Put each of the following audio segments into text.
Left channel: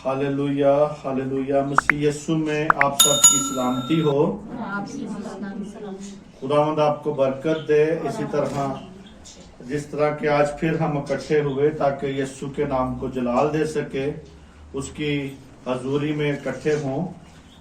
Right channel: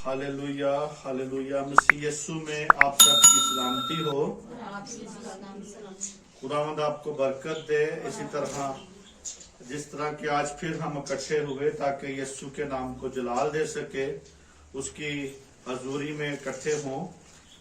Hallelujah hallelujah. मसीह यीशु में आप सबकी सलामती हो। खुदावंद आपको बरकत दे। इसी तरह जिस तरह के आज फिर हम इकट्ठे हुए ताकि यीशु के नाम को जलाल दे सके, उसकी हजूरी में इकट्ठे हों।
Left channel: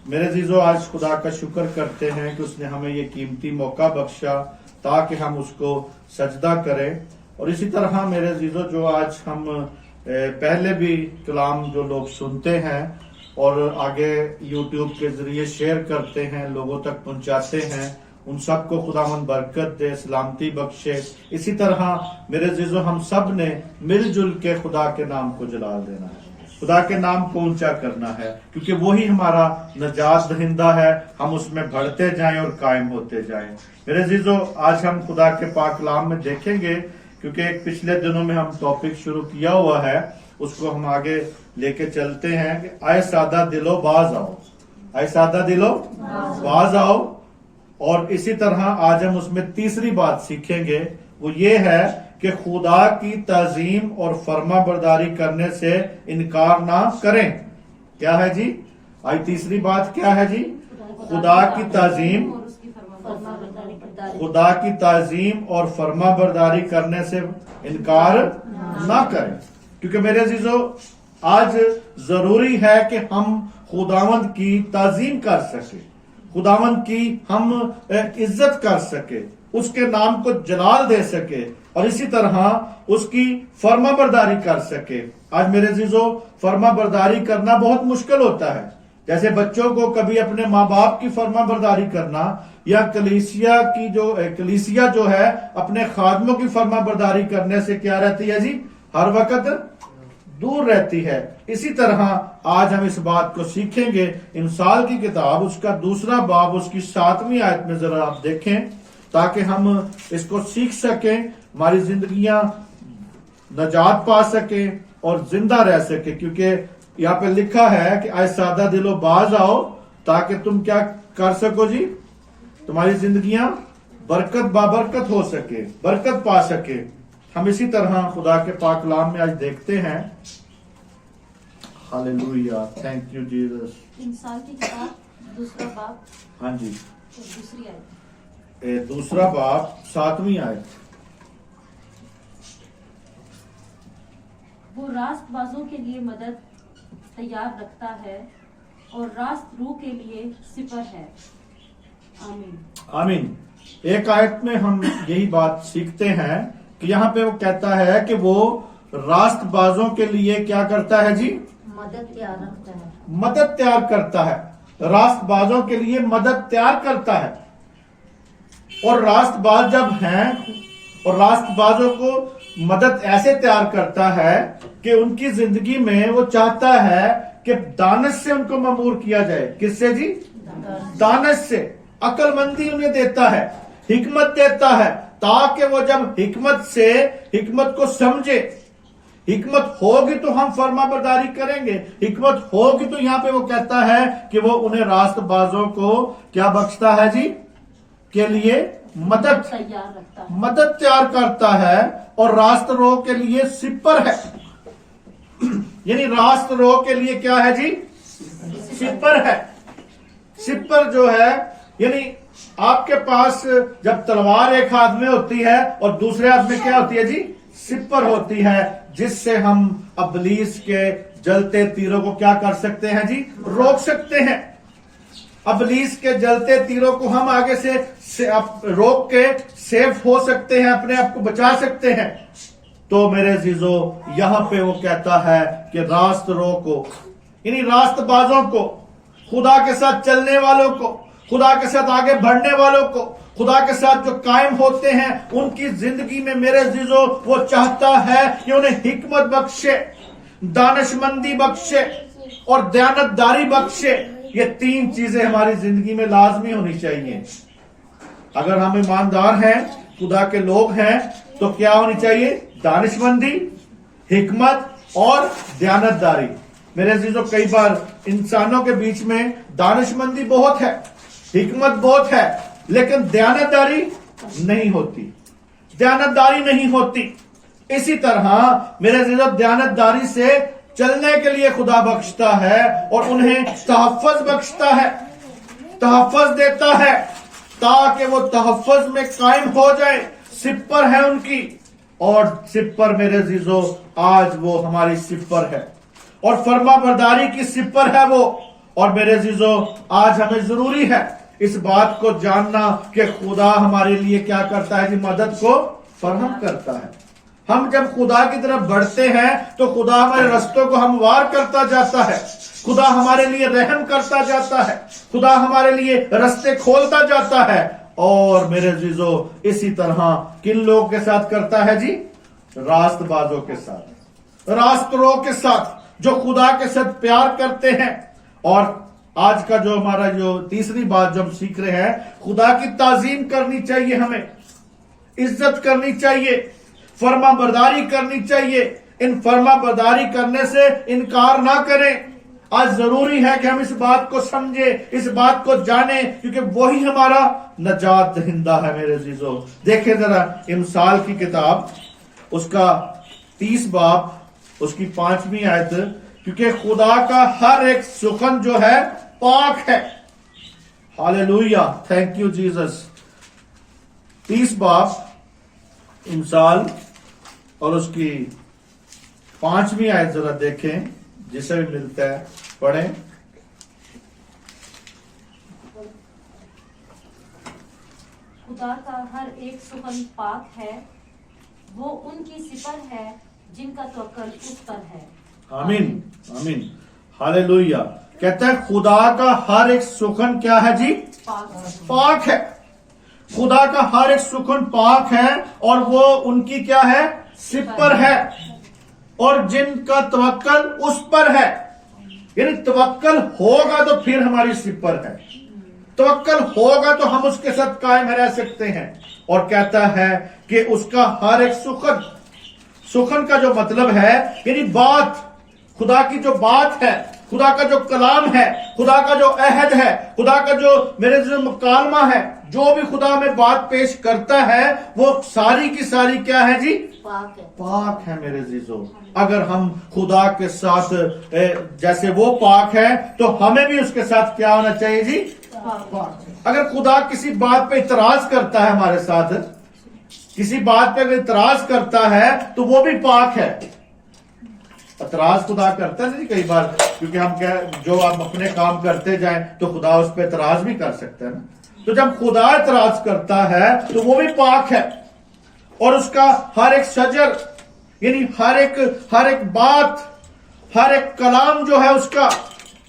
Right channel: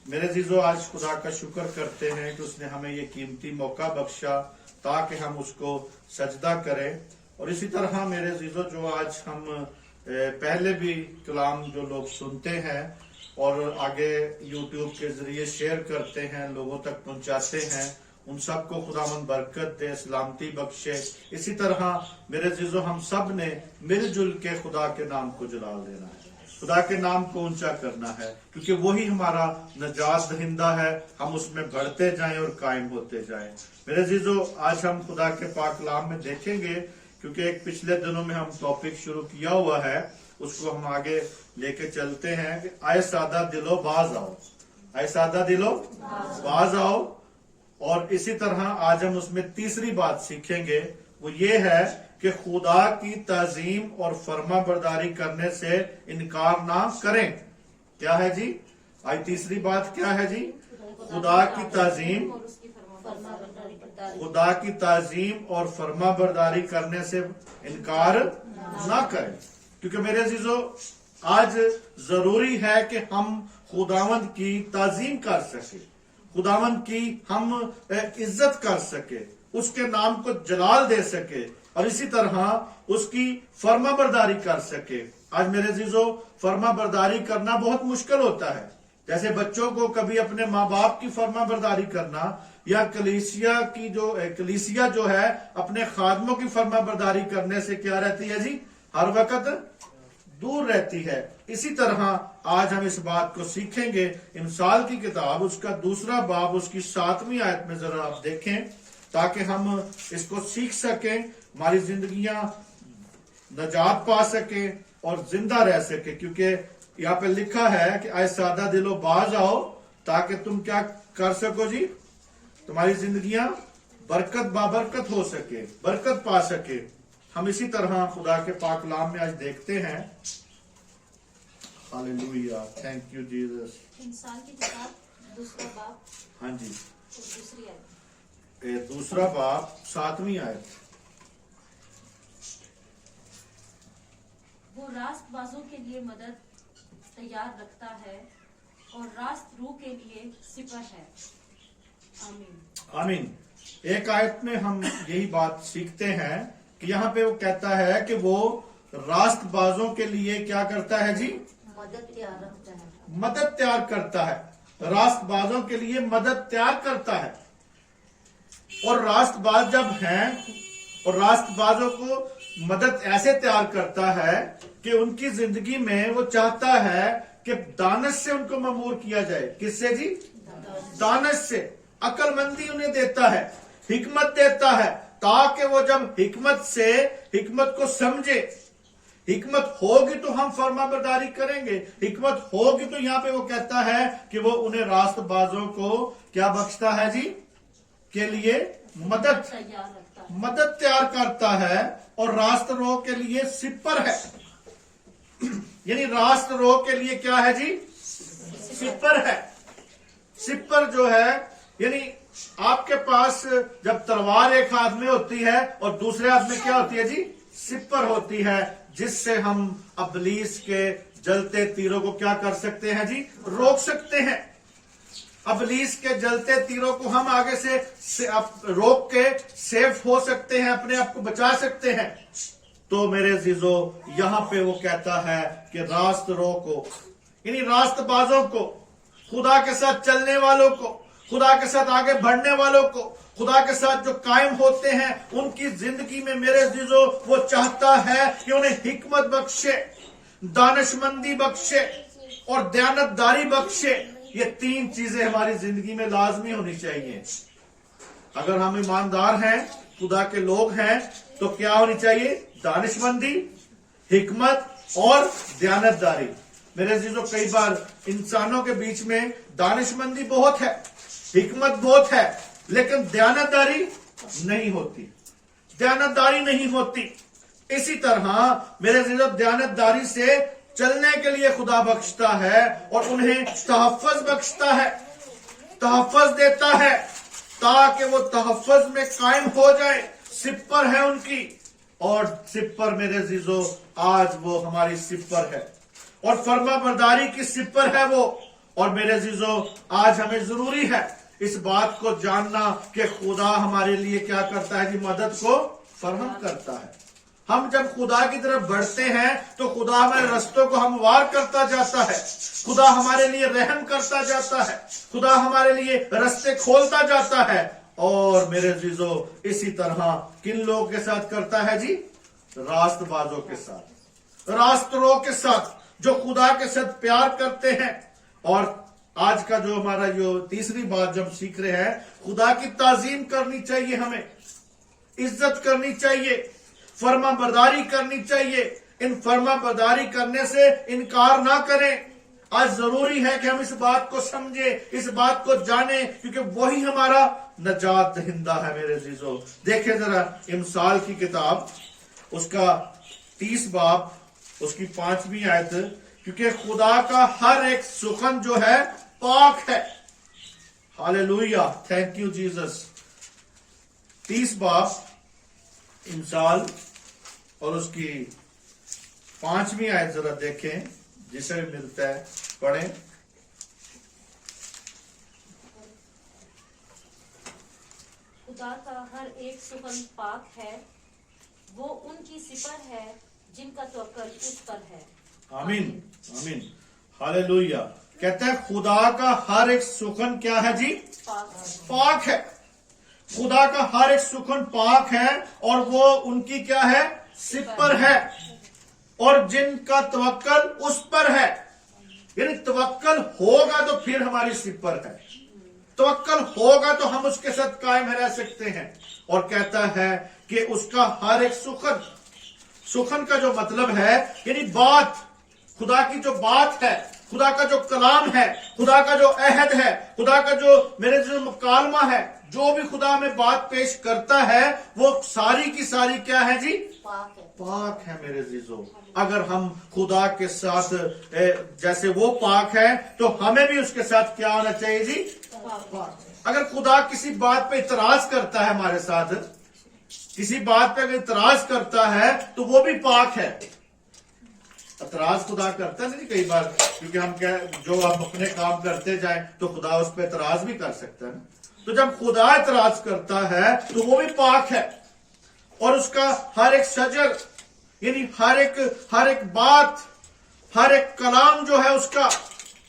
मेरे अजीजों, आज खुदा का शुक्र करते हैं कि उसने हमें ये कीमती मौका बख्शा ताकि हम उसको सजदा करें। और इसी तरह मेरे अजीजों, जो आज हम पहले भी कलाम जो लोग सुनते हैं और आगे यूट्यूब के जरिए शेयर करते हैं, लोगों तक पहुंचाते हैं, उन सबको खुदावंद बरकत दे, सलामती बख्शे। इसी तरह मेरे अजीजों, हम सब ने मिलजुल के खुदा के नाम को जलाल देना है, खुदा के नाम को ऊंचा करना है, क्योंकि वही हमारा नजात दहिंदा है। हम उसमें बढ़ते जाएं और कायम होते जाएं। मेरे अजीजों, आज हम खुदा के पाक कलाम में देखेंगे, क्योंकि एक पिछले दिनों में हम टॉपिक शुरू किया हुआ है, उसको हम आगे लेके चलते हैं कि आए सादा दिलो बाज आओ, आए सादा दिलो बाज आओ। और इसी तरह आज हम उसमें तीसरी बात सीखेंगे, वो ये है कि खुदा की ताजीम और फर्मा बरदारी करने से इनकार ना करें। क्या है जी? आज तीसरी बात क्या है जी? खुदा की ताजीम और फर्मा बरदारी करने से इनकार ना करें। क्योंकि मेरे अजीजों, आज जरूरी है कि हम खुदावंद की ताजीम कर सके, खुदावंद की हम इज्जत कर सके, उसके नाम को जलाल दे सके और इसी तरह उसकी फर्मा बरदारी कर सके। आज मेरे अजीजों, फर्मा बरदारी करना बहुत मुश्किल होता है। जैसे बच्चों को कभी अपने माँ बाप की फर्मा बरदारी करना, या कलीसिया जो है अपने खादमों की फर्मा बरदारी करने से क्या रहती है जी? हर वक्त दूर रहती है। इसी तरह आज हम इस बात को सीखेंगे। इंसाल की किताब उसका दूसरा बाब उसकी 7वीं आयत में जरा आप देखें, ताकि हम इसको सीख सकें, हमारी जिंदगियां नजात पा सके और जिंदा रह सके। क्योंकि यहाँ पे लिखा है कि आए सादा दिलो बाज आओ, ताकि तुम क्या कर सको जी? तुम्हारी जिंदगियां बरकत बाबरकत हो सके, बरकत पा सके। हम इसी तरह खुदा के पाक कलाम में आज देखते हैं। Hallelujah, thank you Jesus. इंसान की किताब दूसरा बाब, हाँ जी, तो दूसरी आयत, दूसरा बाब 7वीं आयत। वो रास्तबाजों के लिए मदद तैयार रखता है और रास्त रू के लिए सिपर है। आमीन आमीन। एक आयत में हम यही बात सीखते हैं कि यहाँ पे वो कहता है कि वो रास्तबाजों के लिए क्या करता है जी? मदद तैयार रखता है, मदद तैयार करता है। रास्तबाजों के लिए मदद तैयार करता है। और रास्तबाज जब हैं और रास्तबाजों को मदद ऐसे तैयार करता है कि उनकी जिंदगी में वो चाहता है कि दानिश से उनको ममूर किया जाए। किससे जी? दानिश से। अक्लमंदी उन्हें देता है, हिकमत देता है, ताकि वो जब हिकमत को समझे। हिकमत होगी तो हम फर्मा बरदारी करेंगे, हिकमत होगी तो यहाँ पे वो कहता है कि वो उन्हें रास्तबाजों को क्या बख्शता है जी? के लिए मदद तैयार रखता है, मदद तैयार करता है। और रास्त रो के लिए सिपर है। यानी रास्त रो के लिए क्या है जी? सिपर है। सिपर जो है, यानी आपके पास जब तलवार एक हाथ में होती है और दूसरे हाथ में क्या होती है जी? सिपर होती है, जिससे हम अबलीस के जलते तीरों को क्या कर सकते हैं जी? रोक सकते हैं। अबलीस के जलते तीरों को हम आगे से रोक के सेफ हो सकते हैं, अपने आप को बचा सकते हैं। तो मेरे अजीजों, यहाँ पे वो कहता है कि रास्त रो को, यानी रास्तबाजों को, खुदा के साथ चलने वालों को, खुदा के साथ आगे बढ़ने वालों को, खुदा के साथ जो कायम होते हैं, उनकी जिंदगी में मेरे अजीजों वो चाहता है कि उन्हें हिकमत बख्शे, दानिशमंदी बख्शे और दयानतदारी बख्शे। ये 3 चीजें हमारी जिंदगी में लाजमी होनी चाहिए। अगर हम ईमानदार हैं, खुदा के लोग हैं, तो क्या होनी चाहिए? दानिशमंदी, हिकमत और दयानतदारी। मेरे अजीजों, कई बार इंसानों के बीच में दानिशमंदी बहुत है, हिकमत बहुत है, लेकिन दयानतदारी नहीं होती, दयानतदारी नहीं होती। इसी तरह मेरे अजीजों, दयानतदारी से चलने के लिए खुदा बख्शता है और उन्हें तहफ़्फ़ुज़ बख्शता है, तहफ़्फ़ुज़ देता है ताकि वो तहफ़्फ़ुज़ में कायम हो जाए। सिपर है उनकी, और सिपर मेरे अज़ीज़ों आज वो हमारी सिपर है और फर्मा बरदारी की सिपर है वो। और मेरे अज़ीज़ों आज हमें जरूरी है इस बात को जानना कि खुदा हमारे लिए क्या करता है जी, मदद को फराहम करता है। हम जब खुदा की तरफ बढ़ते हैं तो खुदा हमारे रस्तों को हमवार करता जाता है, खुदा हमारे लिए रहम करता जाता है, खुदा हमारे लिए रास्ते खोलता जाता है। और मेरे अज़ीज़ों इसी तरह किन लोगों के साथ करता है जी, रास्तबाजों के साथ, रास्तरों के साथ, जो खुदा के साथ प्यार करते हैं। और आज का जो हमारा जो तीसरी बात जो हम सीख रहे हैं, खुदा की ताजीम करनी चाहिए, हमें इज्जत करनी चाहिए, फर्मा बरदारी करनी चाहिए। इन फर्मा बरदारी करने से इनकार ना करें। आज जरूरी है कि हम इस बात को समझे, इस बात को जाने, क्योंकि वही हमारा नजात दहिंदा है मेरे अज़ीज़ों। देखें जरा इमसाल की किताब, उसका 30 बाब, उसकी 5वीं आयत, क्योंकि खुदा का हर एक सुखन जो है पाक है। Hallelujah, thank you Jesus. 30 बाब इमसाल और उसकी 5वीं आयत जरा देखें, जिसे भी मिलता है पढ़ें। खुदा का हर एक सुखन पाक है, वो उनकी सिपर है जिनका तवक्कुल उस पर है। आमीन, आमीन, हालेलुया। कहता है खुदा का हर एक सुखन क्या है जी, पाक है। खुदा का हर एक सुखन पाक है और वो उनकी क्या है, सिपर है, और जिनका तवक्कुल उस पर है। यानी तवक्कुल होगा तो फिर हमारी सिपर है, तवक्कुल होगा तो हम उसके साथ कायम रह सकते हैं। और कहता है कि उसका हर एक सुखन, सुखन का जो मतलब है यानी बात, खुदा की जो बात है, खुदा का जो कलाम है, खुदा का जो अहद है, खुदा का जो मेरे जो मुकालमा है, जो भी खुदा में बात पेश करता है वो सारी की सारी क्या है जी, पाक है मेरे अज़ीज़ों। अगर हम खुदा के साथ जैसे वो पाक है तो हमें भी उसके साथ क्या होना चाहिए जी, पाक। अगर खुदा किसी बात पे इतराज करता है, हमारे साथ किसी बात पे इतराज करता है तो वो भी पाक है। इतराज खुदा करता है नहीं कई बार, क्योंकि हम क्या जो हम अपने काम करते जाएं तो खुदा उस पर इतराज भी कर सकता है ना। तो जब खुदा इतराज करता है तो वो भी पाक है। और उसका हर एक शजर यानी हर एक बात, हर एक कलाम जो है उसका,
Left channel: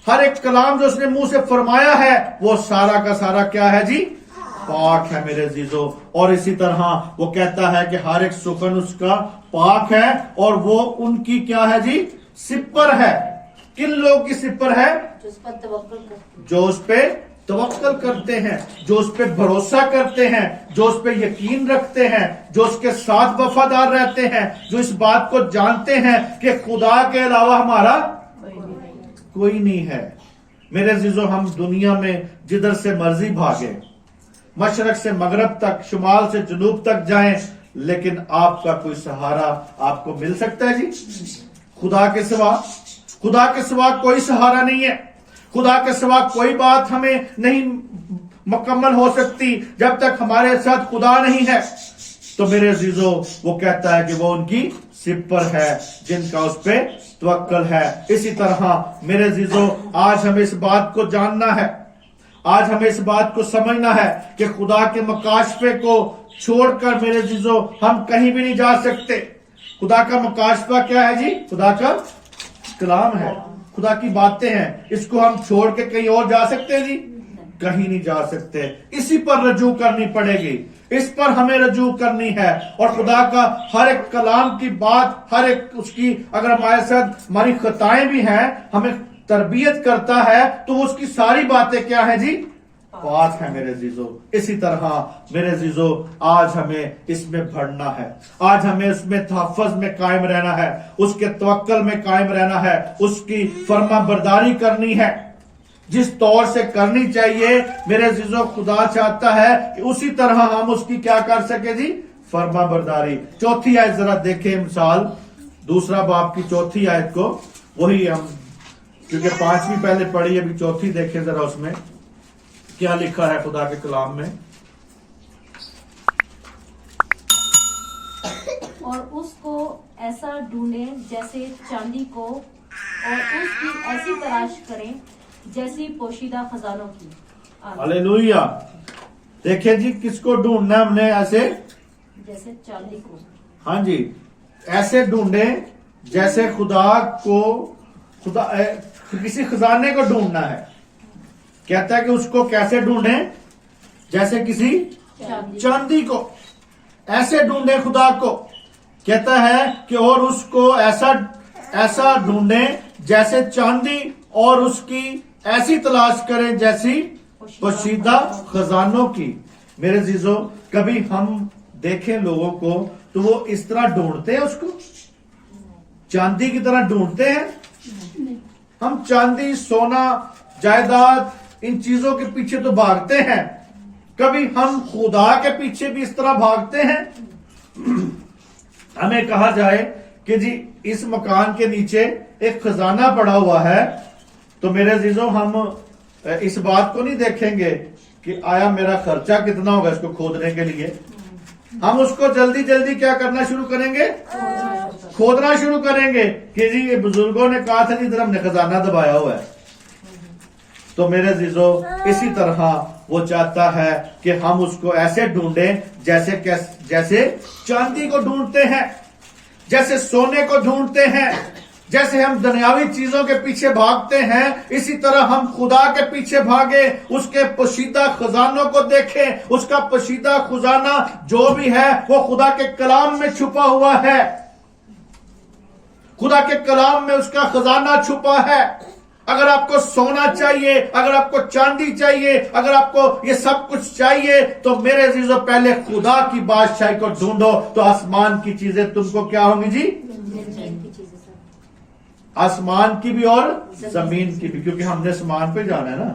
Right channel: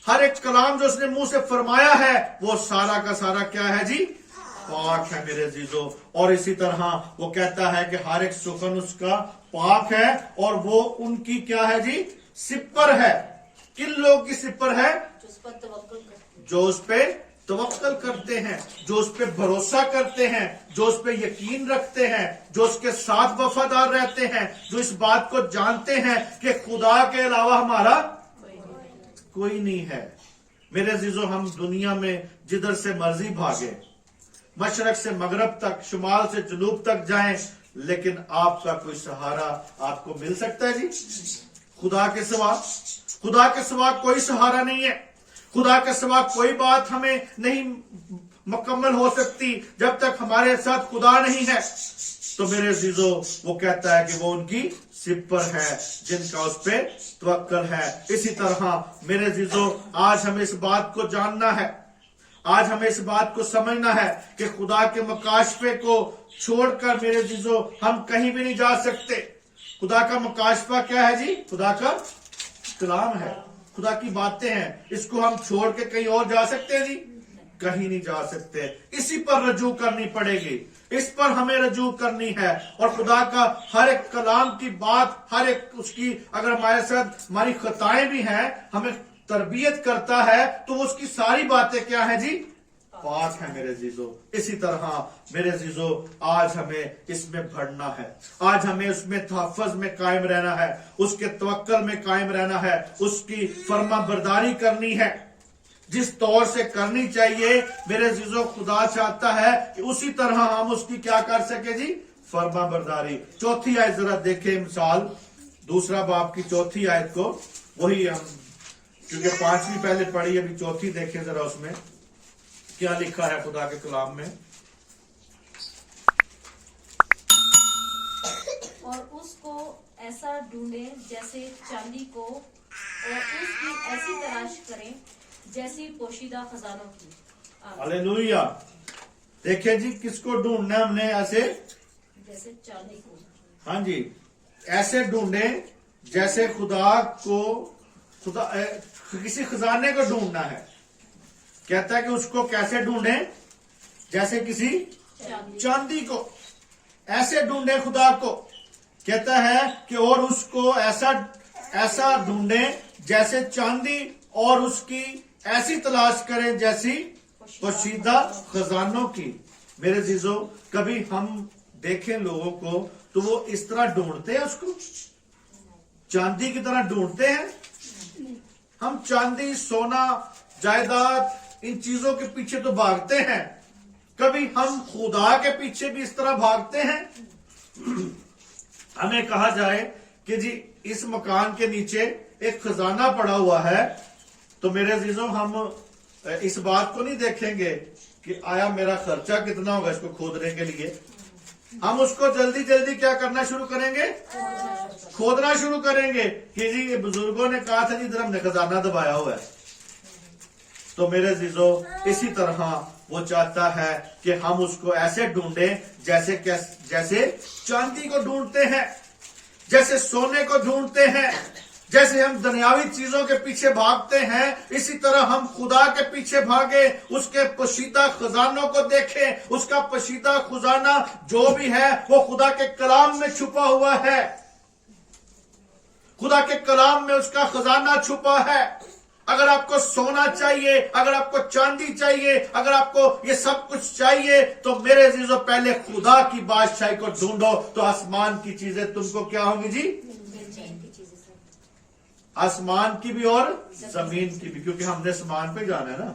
हर एक कलाम जो उसने मुंह से फरमाया है वो सारा का सारा क्या है जी, पाक है मेरे अज़ीज़ों। और इसी तरह वो कहता है कि हर एक सुखन उसका पाक है और वो उनकी क्या है जी, सिपर है। किन लोग की सिपर है, जो उस पे तवक्कुल करते हैं, जो उस पे भरोसा करते हैं, जो उस पे यकीन रखते हैं, जो उसके साथ वफादार रहते हैं, जो इस बात को जानते हैं कि खुदा के अलावा हमारा कोई नहीं है। मेरे अज़ीज़ों, हम दुनिया में जिधर से मर्जी भागे, मशरक से मगरब तक, शुमाल से जनूब तक जाएं, लेकिन आपका कोई सहारा आपको मिल सकता है जी, खुदा के सिवा? खुदा के सिवा कोई सहारा नहीं है। खुदा के सिवा कोई बात हमें नहीं मुकम्मल हो सकती जब तक हमारे साथ खुदा नहीं है। तो मेरे अज़ीज़ों, वो कहता है कि वो उनकी सिपर है जिनका उस पे तवक्कुल है। इसी तरह मेरे अज़ीज़ों, आज हमें इस बात को जानना है, आज हमें इस बात को समझना है कि खुदा के मकाशफे को छोड़कर मेरे अज़ीज़ों हम कहीं भी नहीं जा सकते। खुदा का मकाशफा क्या है जी, खुदा का कलाम है, खुदा की बातें हैं। इसको हम छोड़ के कहीं और जा सकते हैं जी, कहीं नहीं जा सकते। इसी पर रजू करनी पड़ेगी, इस पर हमें रजू करनी है। और खुदा का हर एक कलाम की बात, हर एक उसकी, अगर हमारे साथ हमारी खताएं भी हैं, हमें तरबियत करता है, तो उसकी सारी बातें क्या है जी, पाक है मेरे अज़ीज़ों। इसी तरह मेरे अज़ीज़ों, आज हमें इसमें बढ़ना है, आज हमें उसमें तहफ़्फ़ुज़ में कायम रहना है, उसके तवक्कुल में कायम रहना है, उसकी फर्मा बरदारी करनी है जिस तौर से करनी चाहिए। मेरे अज़ीज़ों, खुदा चाहता है कि उसी तरह हम उसकी क्या कर सके जी, फर्मा बरदारी। चौथी आयत जरा देखें, मिसाल 2 बाब की 4 आयत को, वही हम, क्योंकि 5वीं पहले पढ़ी, अभी 4थी देखें जरा उसमें क्या लिखा है खुदा के कलाम में। और उसको ऐसा ढूंढे जैसे चांदी को, और उसकी ऐसी तलाश करें जैसी पोशीदा खजानों की। आमीन। हालेलुया। देखिए जी, किसको ढूंढना है हमने? ऐसे, जैसे चांदी को। हाँ जी, ऐसे ढूंढे जैसे किसी खजाने को ढूंढना है। कहता है कि उसको कैसे ढूंढे? जैसे किसी चांदी को। ऐसे ढूंढे खुदा को। कहता है कि और उसको ऐसा ढूंढे जैसे चांदी, और उसकी ऐसी तलाश करें जैसी पोशीदा खजानों की। मेरे जीजो, कभी हम देखें लोगों को तो वो इस तरह ढूंढते हैं उसको, चांदी की तरह ढूंढते हैं। हम चांदी, सोना, जायदाद, इन चीजों के पीछे तो भागते हैं, कभी हम खुदा के पीछे भी इस तरह भागते हैं? हमें कहा जाए कि जी इस मकान के नीचे एक खजाना पड़ा हुआ है, तो मेरे अजीजों हम इस बात को नहीं देखेंगे कि आया मेरा खर्चा कितना होगा इसको खोदने के लिए। हम उसको जल्दी जल्दी क्या करना शुरू करेंगे? खोदना शुरू करेंगे कि जी ये बुजुर्गों ने कहा था जी इधर हमने खजाना दबाया हुआ है। तो मेरे अजीजों, इसी तरह वो चाहता है कि हम उसको ऐसे ढूंढें जैसे चांदी को ढूंढते हैं, जैसे सोने को ढूंढते हैं, जैसे हम दुनियावी चीजों के पीछे भागते हैं, इसी तरह हम खुदा के पीछे भागे, उसके पोशीदा खजानों को देखें। उसका पोशीदा खजाना जो भी है वो खुदा के कलाम में छुपा हुआ है। खुदा के कलाम में उसका खजाना छुपा है। अगर आपको सोना चाहिए, अगर आपको चांदी चाहिए, अगर आपको ये सब कुछ चाहिए, तो मेरे अजीजों पहले खुदा की बादशाही को ढूंढो, तो आसमान की चीजें तुमको क्या होंगी जी? आसमान की भी और जमीन की भी, क्योंकि हमने आसमान पे जाना है ना।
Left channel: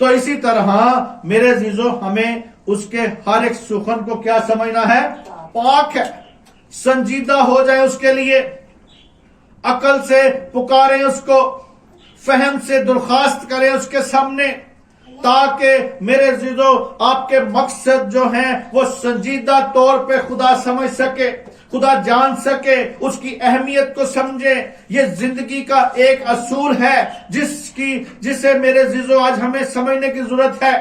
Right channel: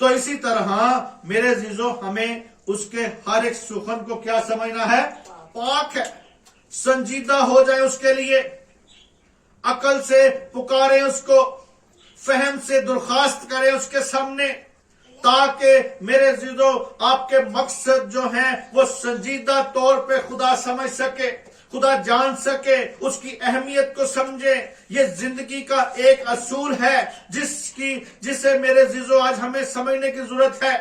तो इसी तरह मेरे अजीजों, हमें उसके हर एक सुखन को क्या समझना है? पाक है, संजीदा हो जाए उसके लिए, अकल से पुकारें उसको, फहम से दरखास्त करें उसके सामने, ताकि मेरे अजीजों आपके मकसद जो हैं वो संजीदा तौर पे खुदा समझ सके, खुदा जान सके, उसकी अहमियत को समझे। ये जिंदगी का एक असूल है जिसे मेरे अजीजों आज हमें समझने की जरूरत है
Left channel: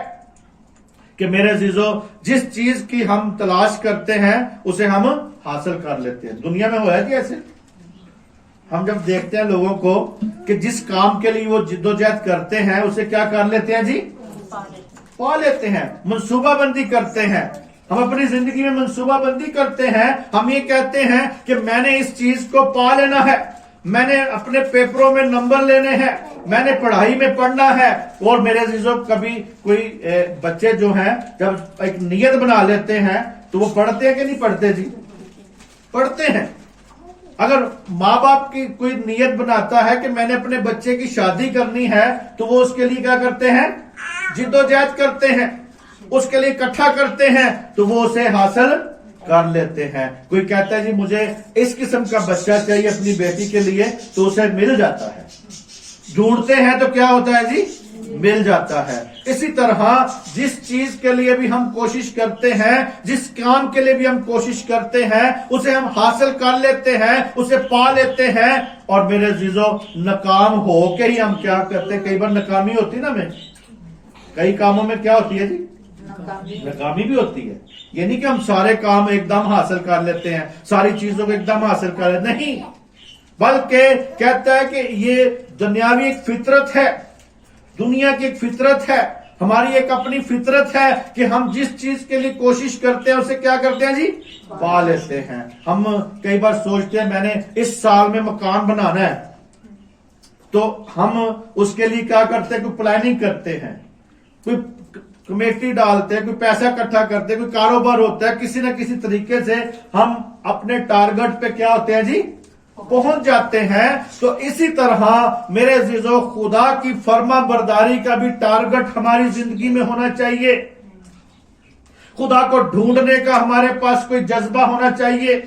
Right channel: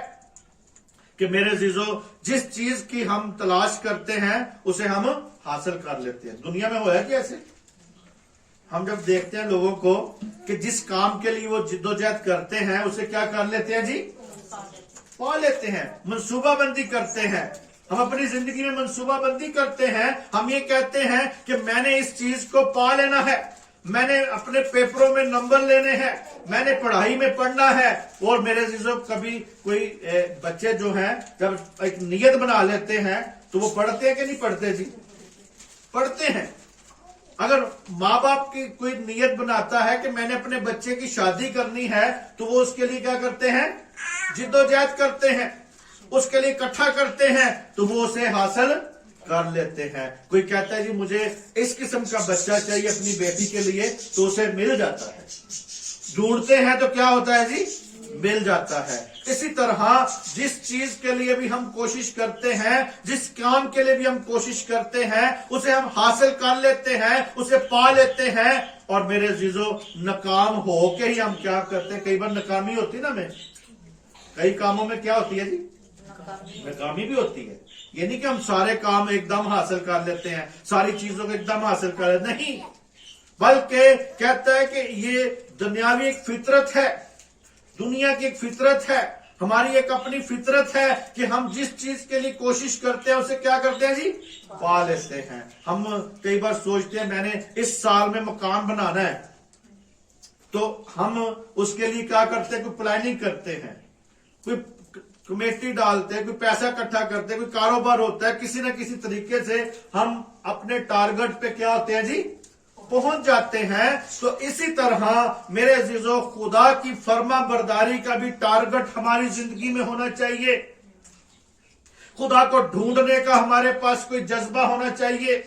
कि मेरे अजीजों जिस चीज की हम तलाश करते हैं उसे हम हासिल कर लेते हैं। दुनिया में हुआ है कि ऐसे हम जब देखते हैं लोगों को कि जिस काम के लिए वो जिद्दोजहद करते हैं उसे क्या कर लेते हैं जी? पा लेते हैं, मंसूबाबंदी करते हैं। हम अपनी जिंदगी में मंसूबाबंदी करते हैं, हम ये कहते हैं कि मैंने इस चीज को पा लेना है, मैंने अपने पेपरों में नंबर लेने हैं, मैंने पढ़ाई में पढ़ना है। और मेरे अजीजों, कभी कोई बच्चे जो हैं जब एक नियत बना लेते हैं तो वो पढ़ते हैं कि नहीं पढ़ते जी? पढ़ते हैं। अगर माँ बाप की कोई नियत बनाता है कि मैंने अपने बच्चे की शादी करनी है, तो वो उसके लिए क्या करते हैं? जिद्दोजहद करते हैं, उसके लिए इकट्ठा करते हैं, तो वो उसे हासिल कर लेते हैं। कोई कहता है जी मुझे इस किस्म का बच्चा चाहिए अपनी बेटी के लिए, तो उसे मिल जाता है। ढूंढते हैं तो क्या होता है जी? मिल जाता है। इसी तरह जिस चीज के लिए भी हम कोशिश करते हैं, जिस काम के लिए भी हम कोशिश करते हैं, उसे हम हासिल कर लेते हैं, उसे पा लेते हैं। और मेरे अजीजों, नाकाम हो के ही हम क्या करते हैं? कई बार नाकामी होती है ना, हमें कई कामों में क्या होती है जी? नाकामी भी होती है। ये नहीं कि हम सारे काम एकदम हासिल कर लेते हैं, सारी चीजों को एकदम हासिल कर लेते नहीं, बल्कि कहता है कि ये दुनियावी एक फितरत है, दुनिया की एक फितरत है, हमारी एक अपनी फितरत है कि हम जिस चीज के लिए कोशिश करते हैं उसे क्या करते हैं जी? पा लेते हैं। हम कई बार सोचते हैं मैंने इस साल में मकान बनाना है, तो हम उसके लिए क्या करते हैं? कोई प्लानिंग करते हैं, कोई कमेटी डालते हैं, कोई पैसा इकट्ठा करते हैं, कोई कारोबार होता है, किसी न किसी तरीके से हम अपने टारगेट पे क्या होते हैं जी? पहुंच जाते हैं। तो इसी तरह मेरे अजीजों, खुदा की फर्मा बरदारी का भी टारगेट हमारी जिंदगी में होना चाहिए। खुदा को ढूंढने का हमारे पास कोई जज्बा होना चाहिए,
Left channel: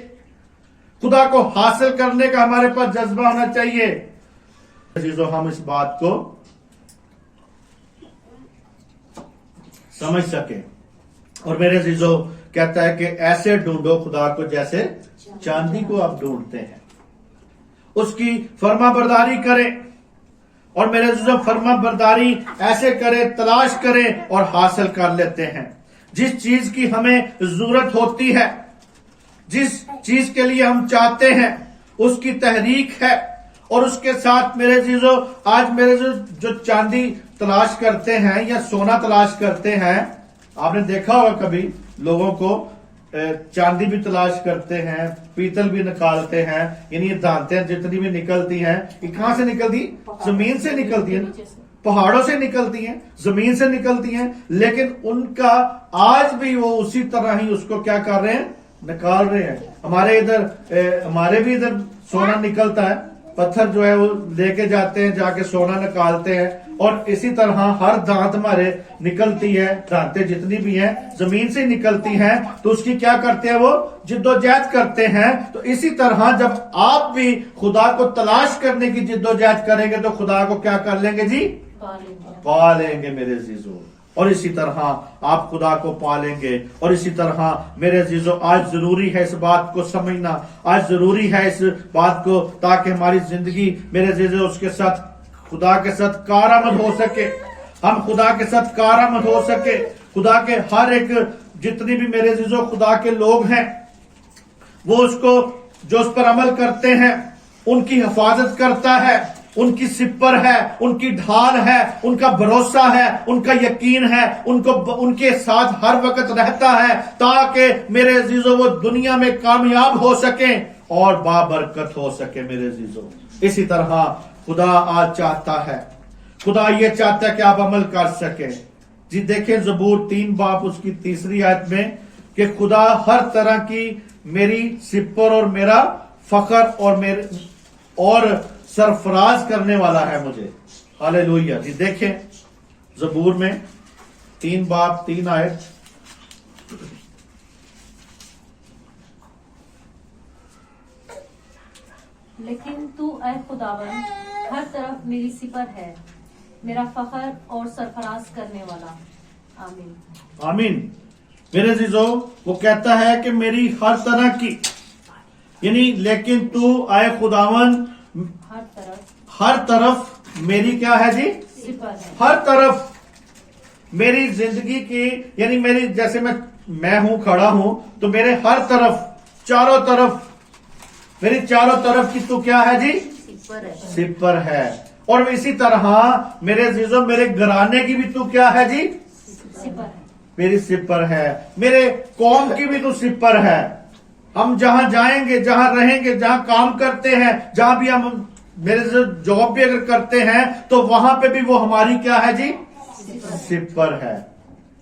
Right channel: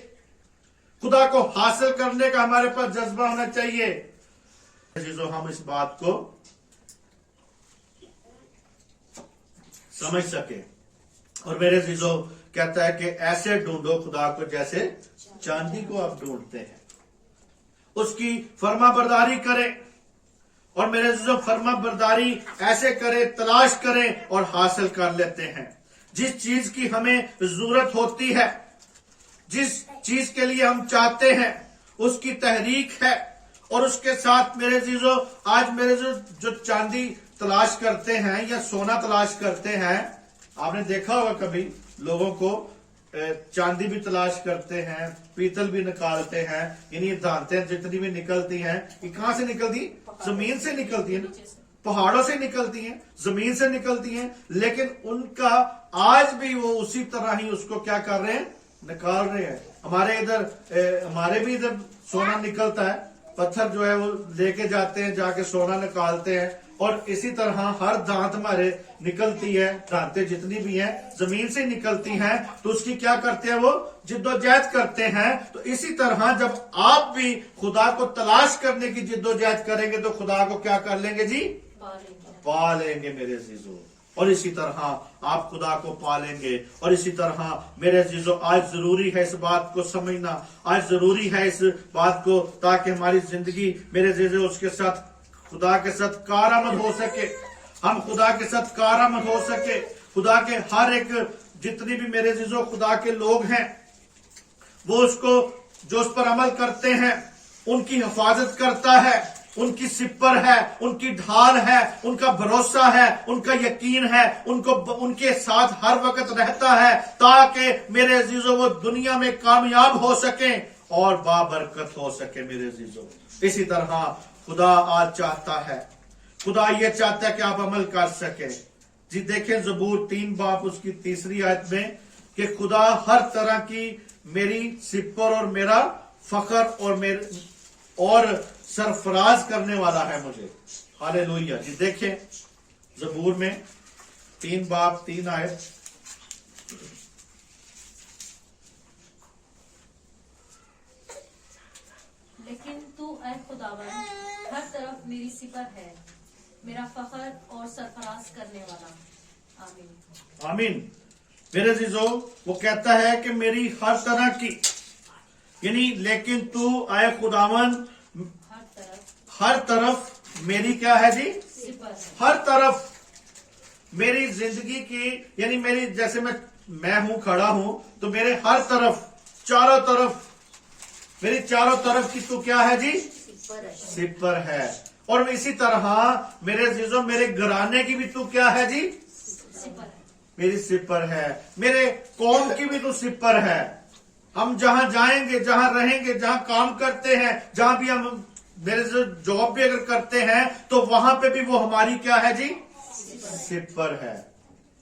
खुदा को हासिल करने का हमारे पास जज्बा होना चाहिए। अजीजों, हम इस बात को समझ सके। और मेरे अजीजों कहता है कि ऐसे ढूंढो खुदा को जैसे चांदी को आप ढूंढते हैं, उसकी फर्माबरदारी करें। और मेरे अजीजों, फर्माबरदारी ऐसे करें, तलाश करें और हासिल कर लेते हैं। जिस चीज की हमें जरूरत होती है, जिस चीज के लिए हम चाहते हैं, उसकी तहरीक है। और उसके साथ मेरे अजीजों, आज मेरे जो चांदी तलाश करते हैं या सोना तलाश करते हैं, आपने देखा होगा कभी लोगों को चांदी भी तलाश करते हैं, पीतल भी निकालते हैं, यानी ये दांतें जितनी भी निकलती हैं, ये कहां से निकलती? जमीन से निकलती है ना, पहाड़ों से निकलती हैं, जमीन से निकलती हैं। लेकिन उनका आज भी वो उसी तरह ही उसको क्या कर रहे हैं? निकाल रहे हैं। हमारे भी इधर सोना निकलता है, पत्थर जो है वो लेके जाते हैं, जाके सोना निकालते हैं। और इसी तरह हर दांत हमारे निकलती है, दांतें जितनी भी हैं जमीन से निकलती हैं, तो उसकी क्या करते हैं? वो जिद्दोजहद करते हैं। तो इसी तरह जब आप भी खुदा को तलाश करने की जिद्दोजहद करेंगे तो खुदा को क्या कर लेंगे जी? पा लेंगे मेरे अजीजों। और इसी तरह आप खुदा को पालेंगे। और इसी तरह मेरे अजीजों, आज जरूरी है इस बात को समझना, आज जरूरी है इस बात को, ताकि हमारी जिंदगी मेरे अजीजों उसके साथ, खुदा के साथ कारआमद हो सके। हम खुदा के साथ कारआमद हो सके। खुदा के हर एक, जितनी भी मेरे अजीजों खुदा के लोग हैं, वो उसको जो उस पर अमल करते हैं उनकी हिफाजत करता है, उनकी सिपर है, उनकी ढाल है, उनका भरोसा है, उनका यकीन है, उनके साथ हर वक्त रहता है, ताकि मेरे अजीजों वो दुनिया में कामयाब हो सके और बाबरकत हो सके मेरे अजीजों। इसी तरह खुदा आज चाहता है, खुदा ये चाहता है कि आप अमल कर सके। जी देखें ज़बूर 3 बाब उसकी 3री आयत में कि खुदा हर तरह की मेरी सिपर और मेरा फखर और सरफराज करने वाला है मुझे। हालेलुया। जी देखें ज़बूर में 3 बाब 3 आयत, लेकिन तू ऐ खुदावन हर तरफ मेरी सिपर है, मेरा फखर और सरफराज करने वाला। आमीन आमीन। मेरे अजीजों, वो कहता है कि मेरी हर तरह की, यानी लेकिन तू आए खुदावन हर तरफ मेरी क्या है जी? सिपर है। हर तरफ मेरी जिंदगी की, यानी मेरी, जैसे मैं हूं, खड़ा हूं, तो मेरे हर तरफ, चारों तरफ, मेरी चारों तरफ की तू क्या है जी? सिपर है। और इसी तरह मेरे अजीजों, मेरे घराने की भी तू क्या है जी? सिपर है। मेरी सिपर है। मेरे कौम की भी तू सिपर है। हम जहां जाएंगे, जहां रहेंगे, जहां काम करते हैं, जहां भी हम मेरे से जॉब भी अगर करते हैं, तो वहां पे भी वो हमारी क्या है जी? सिपर है।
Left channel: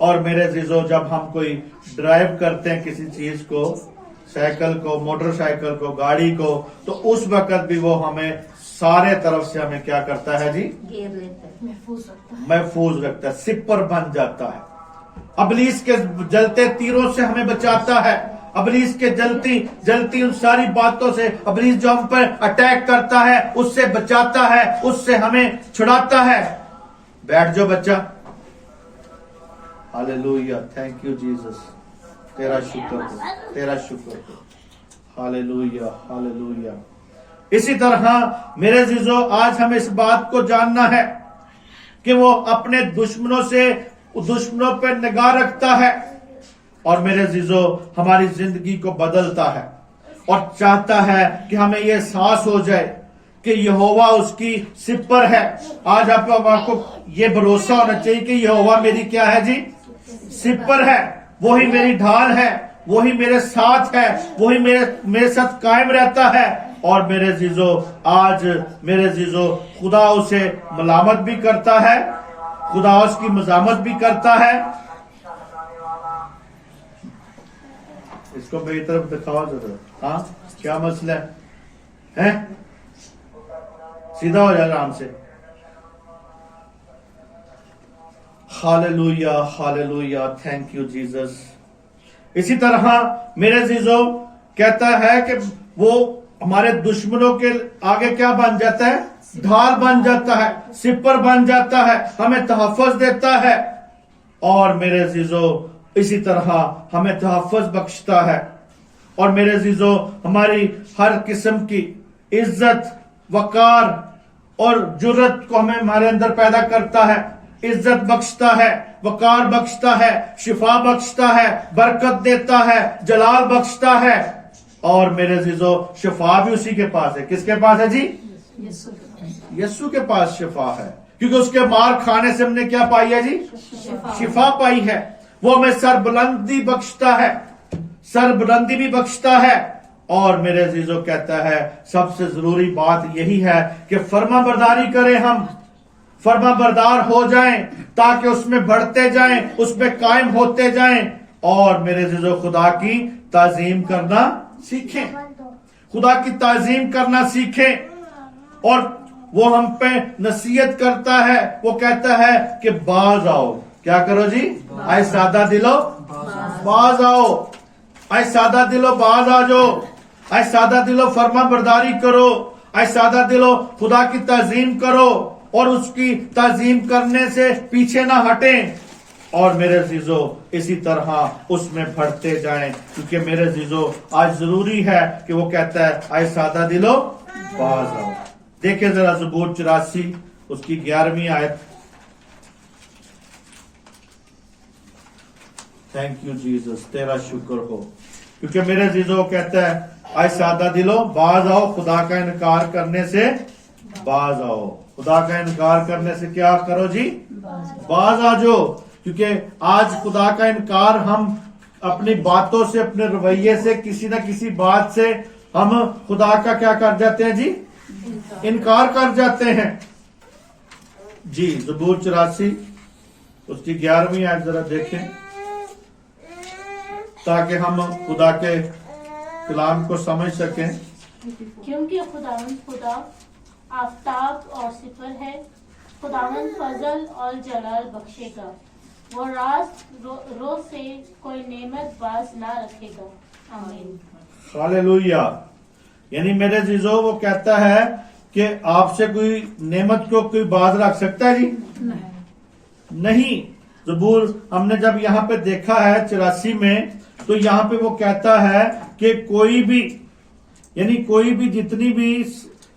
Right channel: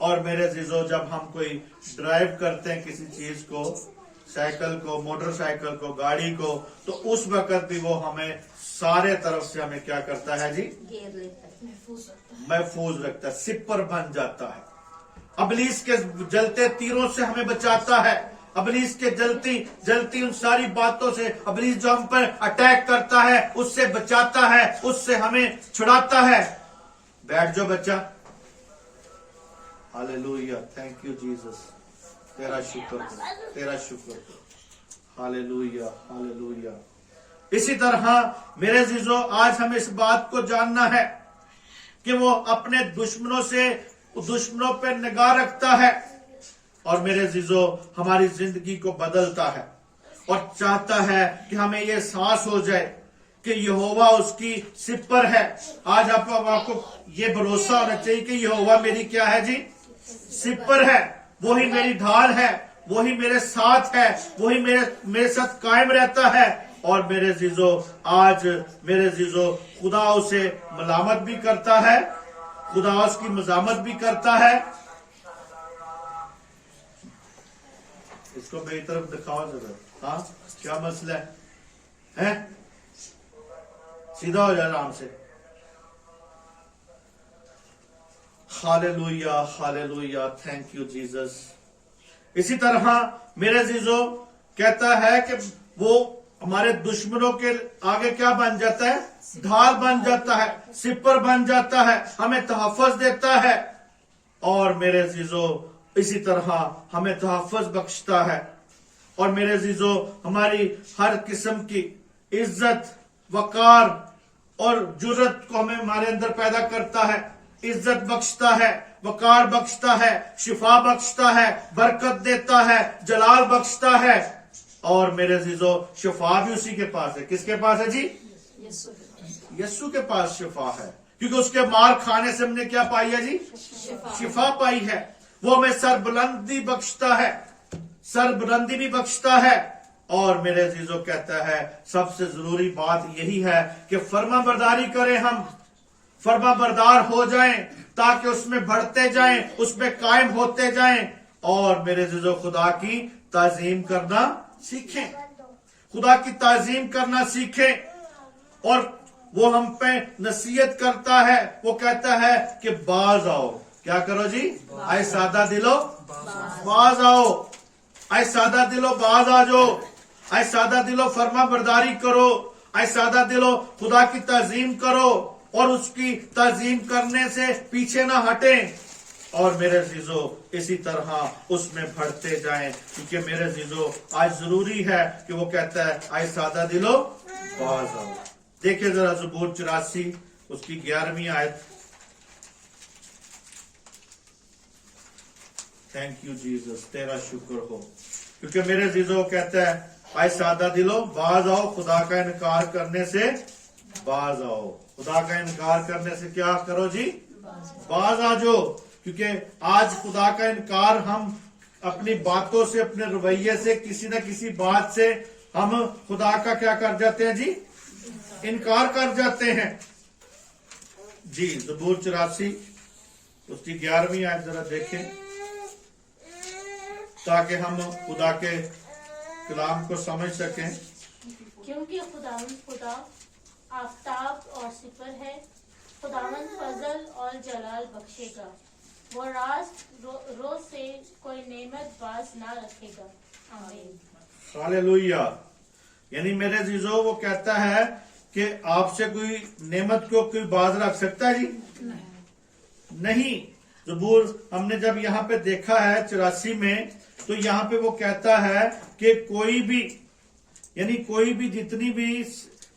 और मेरे अजीजों, जब हम कोई ड्राइव करते हैं किसी चीज को, साइकिल को, मोटरसाइकिल को, गाड़ी को, तो उस वक्त भी वो हमें सारे तरफ से हमें क्या करता है जी? घेर लेता है, महफूज रखता है, सिपर बन जाता है। अबलीस के जलते तीरों से हमें बचाता है। अबलीस के जलती उन सारी बातों से, अबलीस जो हम पर अटैक करता है उससे बचाता है, उससे हमें छुड़ाता है। बैठ जाओ बच्चा। हालेलुया। Thank you Jesus. तेरा शुक्र हो, तेरा शुक्र हो। Hallelujah, hallelujah. इसी तरह मेरे अजीजों, आज हमें इस बात को जानना है कि वो अपने दुश्मनों पर निगाह रखता है और मेरे अजीजों हमारी जिंदगी को बदलता है और चाहता है कि हमें यह एहसास हो जाए कि यहोवा उसकी सिपर है। आज आपको ये भरोसा होना चाहिए कि यहोवा मेरी क्या है जी? सिपर है। वही मेरी ढाल है, वही मेरे साथ है, वही मेरे साथ कायम रहता है। और मेरे अजीजों, आज मेरे अजीजों, खुदा उसे मलामत भी करता है, खुदा उसकी मजामत भी करता है। इसको मेरी तरफ दिखाओ जरा। हाँ, क्या मसला है? सीधा हो जाए आराम से। Hallelujah, hallelujah. Thank you Jesus. इसी तरह मेरे अजीजों कहता है कि वो हमारे दुश्मनों के आगे क्या बन जाता है? ढाल बन जाता है, सिपर बन जाता है, हमें तहफ़्फ़ुज़ देता है। और मेरे अज़ीज़ों इसी तरह हमें तहफ़्फ़ुज़ बख्शता है। और मेरे अज़ीज़ों हमारी हर किस्म की इज्जत, वकार और जुर्रत को हमें हमारे अंदर पैदा करता है। इज्जत बख्शता है, वकार बख्शता है, शिफा बख्शता है, बरकत देता है, जलाल बख्शता है। और मेरे अज़ीज़ों शिफा भी उसी के पास है। किसके पास है जी? यीशु के पास शिफा है, क्योंकि उसके मार खाने से हमने क्या पाई है जी? शिफा पाई है। वो हमें सरबुलंदी बख्शता है, सरबुलंदी भी बख्शता है। और मेरे अज़ीज़ों कहता है सबसे जरूरी बात यही है कि फर्माबरदारी करें, हम फर्माबरदार हो जाएं ताकि उसमें बढ़ते जाएं, उसमें कायम होते जाएं। और मेरे अज़ीज़ों खुदा की ताज़ीम करना सीखें, खुदा की ताज़ीम करना सीखें। और वो हम पे नसीहत करता है, वो कहता है कि बाज आओ। क्या करो जी? आए सादा दिलो बाज आओ, आए सादा दिलो बाज आ जाओ, आए सादा दिलो फर्मा बरदारी करो, आए सादा दिलो खुदा की ताज़ीम करो और उसकी ताज़ीम करने से पीछे ना हटें। और मेरे अज़ीज़ों इसी तरह उसमें बढ़ते जाएं, क्योंकि मेरे अज़ीज़ों आज जरूरी है कि वो कहता है आए सादा दिलो बाज आओ। देखिए जरा ज़बूर 84 उसकी 11वीं आयत। थैंक यू जीसस, तेरा शुक्र हो, क्योंकि मेरे अज़ीज़ों कहता है आए सादा दिलो बाज आओ, खुदा का इनकार करने से बाज आओ। खुदा का इनकार करने से क्या करो जी? बाज आ जाओ। क्योंकि आज खुदा का इनकार हम अपनी बातों से, अपने रवैये से, किसी न किसी बात से हम खुदा का क्या कर जाते हैं जी? इनकार कर जाते हैं जी। ज़बूर 84 उसकी 11वीं आयत जरा देखें, ताकि हम खुदा के कलाम को समझ सकें। क्योंकि खुदा आफताब और सिपर है, खुदावंद फजल और जलाल बख्शेगा, वो रोज से कोई नेमत बाज ना रखेगा। आमीन। हालेलुया। यानी मेरे अज़ीज़ों वो कहता है कि आपसे कोई नेमत को कोई बाज रख सकता है जी? नहीं। ज़बूर हमने जब यहाँ पे देखा है 84 में, तो यहाँ पे वो कहता है कि कोई भी, यानी कोई भी, जितनी भी,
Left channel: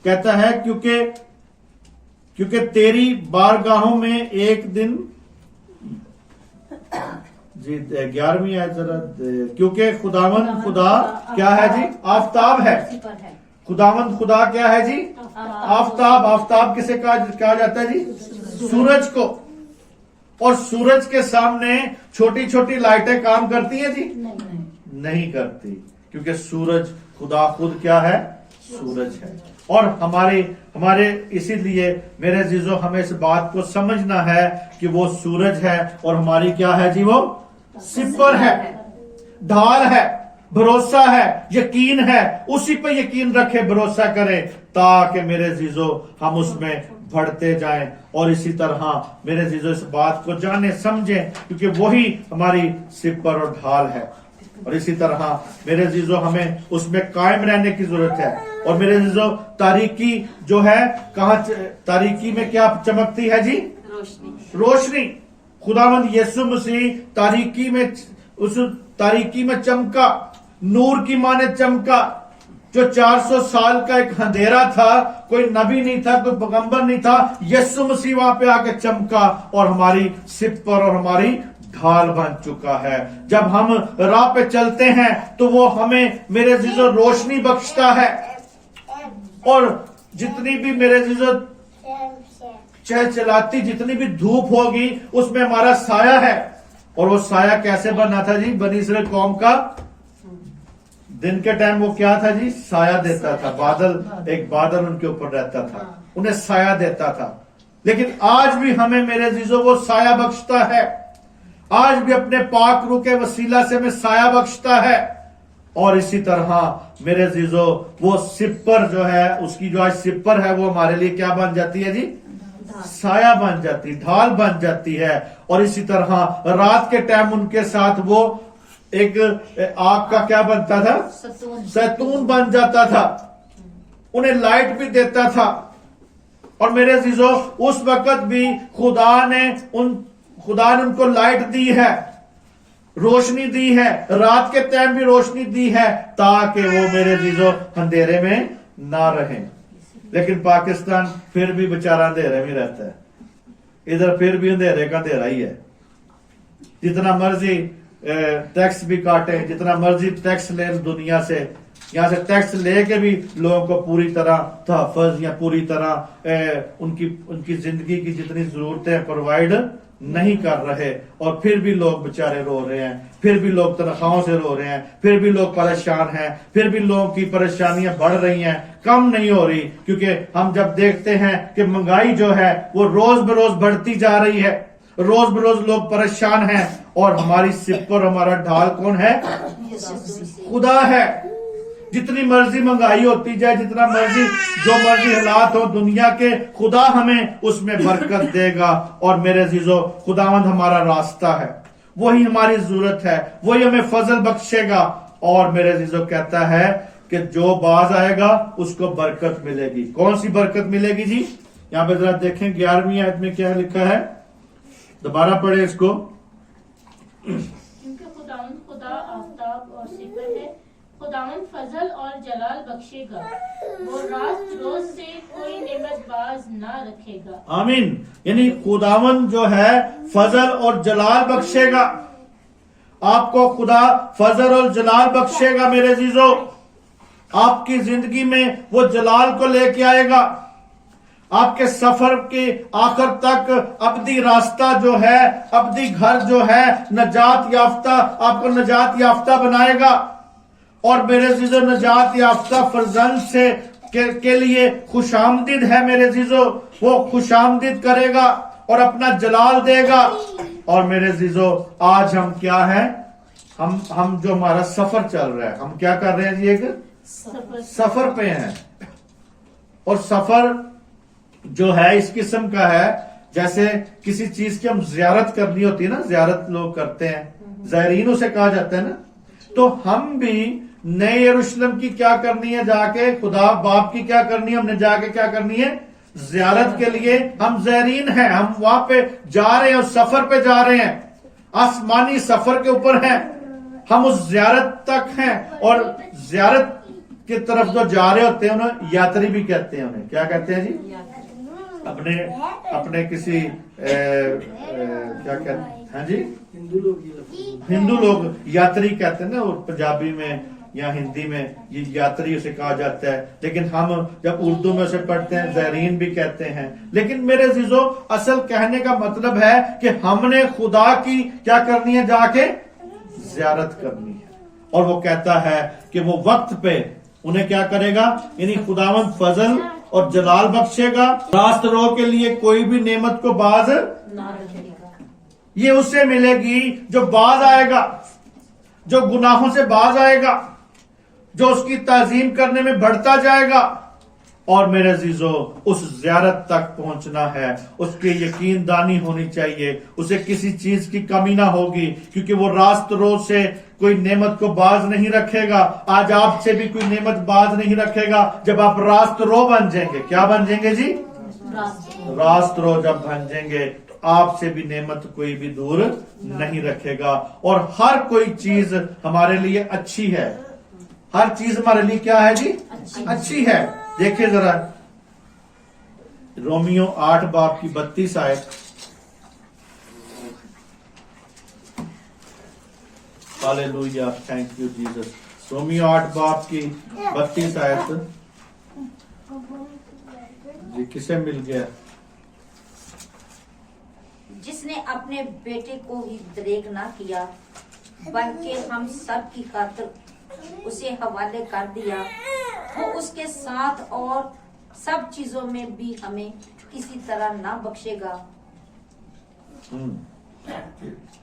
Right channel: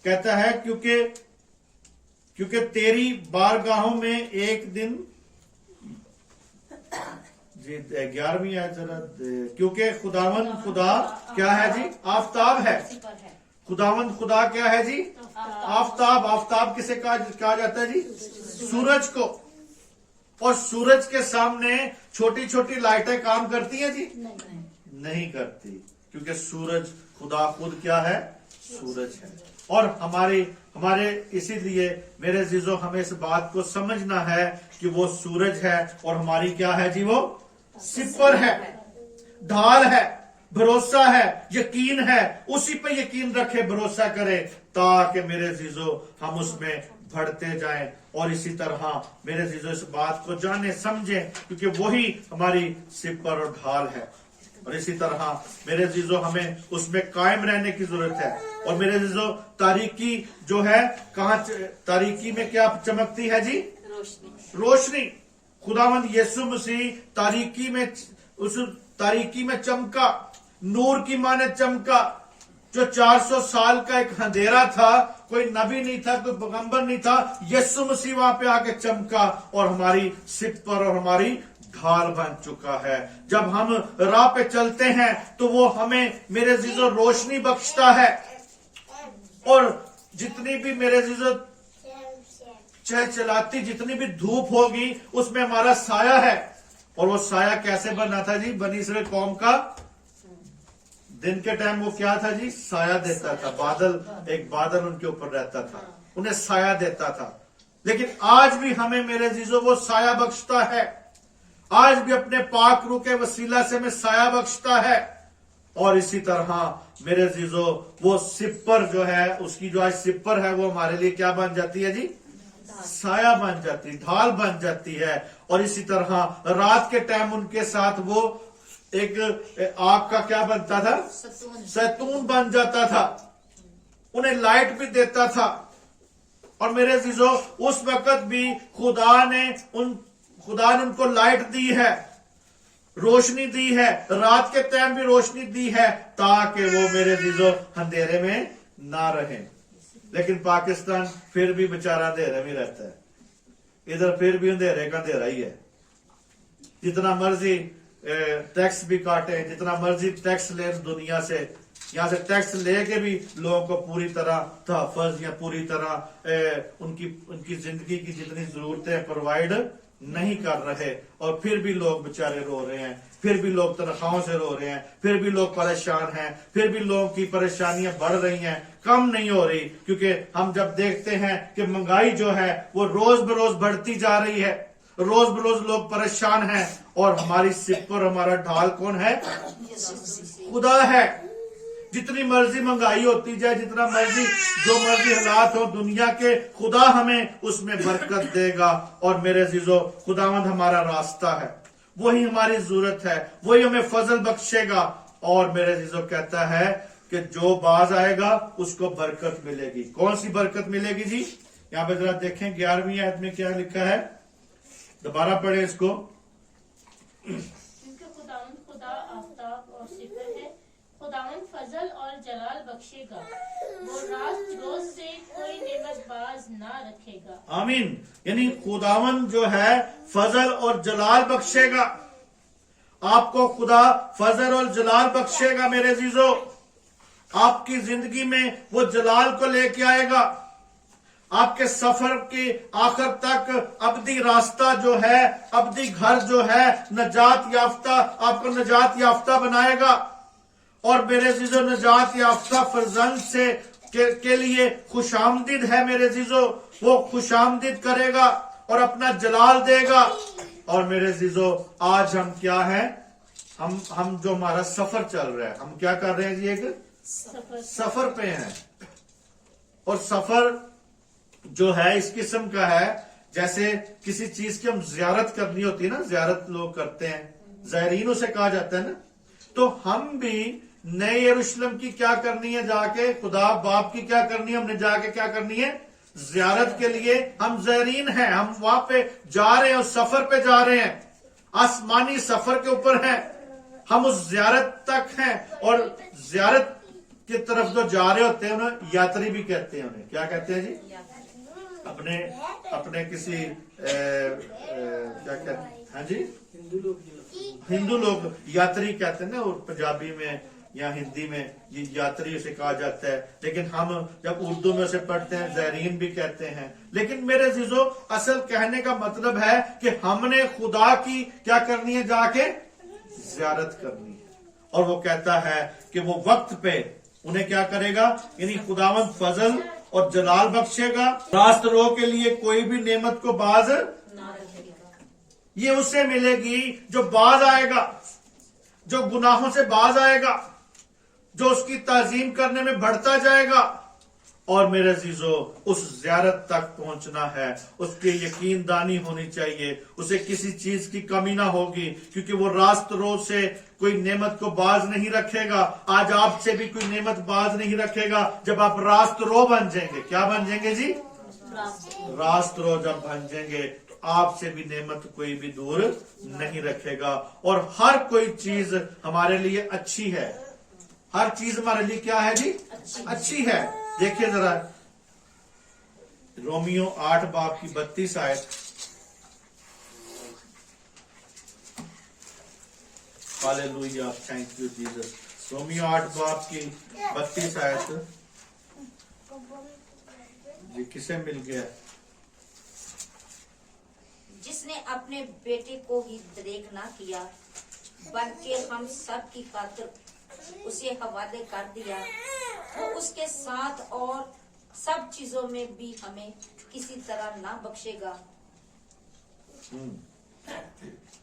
कहता है क्योंकि तेरी बारगाहों में एक दिन जी 11वीं आयत जरा, क्योंकि खुदावंद खुदा क्या है जी? आफताब है। खुदावंद खुदा क्या है जी? आफताब। आफताब किसे कहा जाता है जी? सूरज को। और सूरज के सामने छोटी छोटी लाइटें काम करती हैं जी? नहीं करती, क्योंकि सूरज खुदा खुद क्या है? सूरज है। और हमारे इसीलिए मेरे अज़ीज़ों हमें इस बात को समझना है कि वो सूरज है और हमारी क्या है जी? वो सिपर है, ढाल है, भरोसा है, यकीन है। उसी पे यकीन रखे, भरोसा करें, ताकि मेरे अज़ीज़ों हम उसमें बढ़ते जाएं। और इसी तरह मेरे अज़ीज़ों इस बात को जाने समझें, क्योंकि वही हमारी सिपर और ढाल है। और इसी तरह मेरे अज़ीज़ों हमें उसमें कायम रहने की जरूरत है। और मेरे अज़ीज़ों तारीकी जो है, कहाँ तारीकी में क्या चमकती है जी? रोशनी। खुदावंद यीशु मसीह तारीकी में, उस तारीकी में चमका, नूर की माने चमका। जो 400 साल का एक अंधेरा था, कोई नबी नहीं था, कोई पैगंबर नहीं था, यीशु मसीह वहां पे आके चमका और हमारी सिपर और हमारी ढाल बन चुका है। जब हम राह पे चलते हैं तो वो हमें मेरे अज़ीज़ों रोशनी बख्शता है। और जितनी भी मेरे अज़ीज़ों चलाती जितनी भी धूप होगी, उसमें हमारा साया है। और वो साया कैसे बना था जी? बनी इस्राएल कौम का दिन के टाइम वो क्या था जी? साया देता था। बादल, एक बादल उनके ऊपर रहता था, उन्हें साया देता था। लेकिन आज भी हमें मेरे अज़ीज़ों वो साया बख्शता है। आज भी अपने पाक रूह के वसीला से हमें साया बख्शता है। और इसी तरह मेरे अज़ीज़ों वो सिपर जो है, उसकी जो आज सिपर है, वो हमारे लिए क्या बन जाती है जी? साया बन जाती, ढाल बन जाती है। और इसी तरह रात के टाइम उनके साथ वो एक आग का क्या बनता था? सैतून बन जाता था, उन्हें लाइट भी देता था। और मेरे अजीजों उस वक्त भी खुदा ने उनको लाइट दी है, रोशनी दी है, रात के टाइम भी रोशनी दी है ताकि वो मेरे अजीजों अंधेरे में ना रहे। लेकिन पाकिस्तान फिर भी बेचारा अंधेरे में रहता है, इधर फिर भी अंधेरे का अंधेरा ही है। जितना मर्जी टैक्स भी काटे, जितना मर्जी टैक्स ले दुनिया से, यहां से टैक्स लेके भी लोगों को पूरी तरह तहफ़्फ़ुज़ या पूरी तरह उनकी जिंदगी की जितनी जरूरतें प्रोवाइड नहीं कर रहे, और फिर भी लोग बेचारे रो रहे हैं, फिर भी लोग तनख्वाहों से रो रहे हैं, फिर भी लोग परेशान हैं, फिर भी लोगों की परेशानियां बढ़ रही हैं, कम नहीं हो रही। क्योंकि हम जब देखते हैं कि महंगाई जो है वो रोज बरोज बढ़ती जा रही है, रोज बरोज लोग परेशान हैं, और हमारी सिर पर हमारा ढाल कौन है? खुदा है। जितनी मर्जी महंगाई होती जाए, जितना मर्जी जो मर्जी हालात हो दुनिया के, खुदा हमें उसमें बरकत देगा। और मेरे अजीजों खुदावंद हमारा रास्ता है, वही हमारी जरूरत है, वही हमें फजल बख्शेगा। और मेरे अजीजों कहता है कि जो बाज आएगा उसको बरकत मिलेगी। कौन सी बरकत मिलेगी जी? यहां पे जरा देखें 11वीं आयत में क्या लिखा है, दोबारा पढ़े इसको। क्योंकि खुदावंद खुदा आफताब और सिफर है, खुदावंद फजल और जलाल बख्शेगा, वो रात रोज से कोई नेमत बाज ना रखेगा। आमीन। यानी खुदावंद जो है फजल और जलाल बख्शेगा, आपको खुदा फजल और जलाल बख्शेगा। मेरे अजीजों आपकी जिंदगी में वो जलाल को लेके आएगा, आपके सफर के आखिर तक अब्दी रास्ता जो है, अब्दी घर जो है, नजात याफ्ता, आपको नजात याफ्ता बनाएगा। और मेरे अजीजों नजात याफ्ता फरजंद से के लिए खुशामदीद है। मेरे अजीजों वो खुशामदीद करेगा और अपना जलाल देगा। और मेरे अजीजों आज हम क्या हैं? हम जो हमारा सफर चल रहा है, हम क्या कर रहे हैं जी? एक सफर पे हैं। और सफर जो है इस किस्म का है जैसे किसी चीज की हम जियारत करनी होती है ना, जियारत लोग करते हैं, ज़ायरीन उसे कहा जाता है ना। तो हम भी नए यरूशलेम की क्या करनी है? जाके खुदा बाप की क्या करनी है? हमने जाके क्या करनी है? जियारत के लिए हम ज़ायरीन हैं, हम वहां पे जा रहे हैं, उस सफर पे जा रहे हैं, आसमानी सफर के ऊपर हैं, हम उस जियारत तक हैं। और जियारत की तरफ जो जा रहे होते हैं उन्हें यात्री भी कहते हैं। उन्हें क्या कहते हैं जी? अपने किसी क्या कहते हैं जी? हिंदू लोग यात्री कहते हैं ना, और पंजाबी में या हिंदी में ये यात्री उसे कहा जाता है। लेकिन हम जब उर्दू में उसे पढ़ते हैं ज़ायरीन भी कहते हैं। लेकिन मेरे अजीजों असल कहने का मतलब है कि हमने खुदा की क्या करनी है? जाके ज़ियारत करनी है। और वो कहता है कि वो वक्त पे उन्हें क्या करेगा? यानी खुदावंद फजल और जलाल बख्शेगा, रास्त रो के लिए कोई भी नेमत को बाज ना रखेगा। ये उससे मिलेगी जो बाज आएगा, जो गुनाहों से बाज आएगा, जो उसकी ताजीम करने में बढ़ता जाएगा। और मेरे अजीजों उस ज़ियारत तक पहुंचना है, उसकी यकीनदानी होनी चाहिए, उसे किसी चीज की कमी ना होगी, क्योंकि वो रास्त रोज से कोई नेमत को बाज नहीं रखेगा। आज आपसे भी कोई नेमत बाज नहीं रखेगा जब आप रास्त रो बन जाएंगे। क्या बन जाएंगे जी? रास्त रो जब बन जाएंगे तो आपसे भी नेमत कोई भी दूर नहीं रखेगा। और हर कोई चीज हमारे लिए अच्छी है, हर चीज हमारे लिए क्या है जी? अच्छी है। देखिए जरा रोमियो 8 बाब की 32 आयत। Hallelujah, thank you Jesus. Romeo 8 बाब की 32 आयत जी किसे मिल गया? जिसने अपने बेटे को ही दरेग ना किया बल्कि हम सब की खातिर उसे हवाले कर दिया, वो उसके साथ और सब चीजों में भी हमें किसी तरह ना बख्शेगा।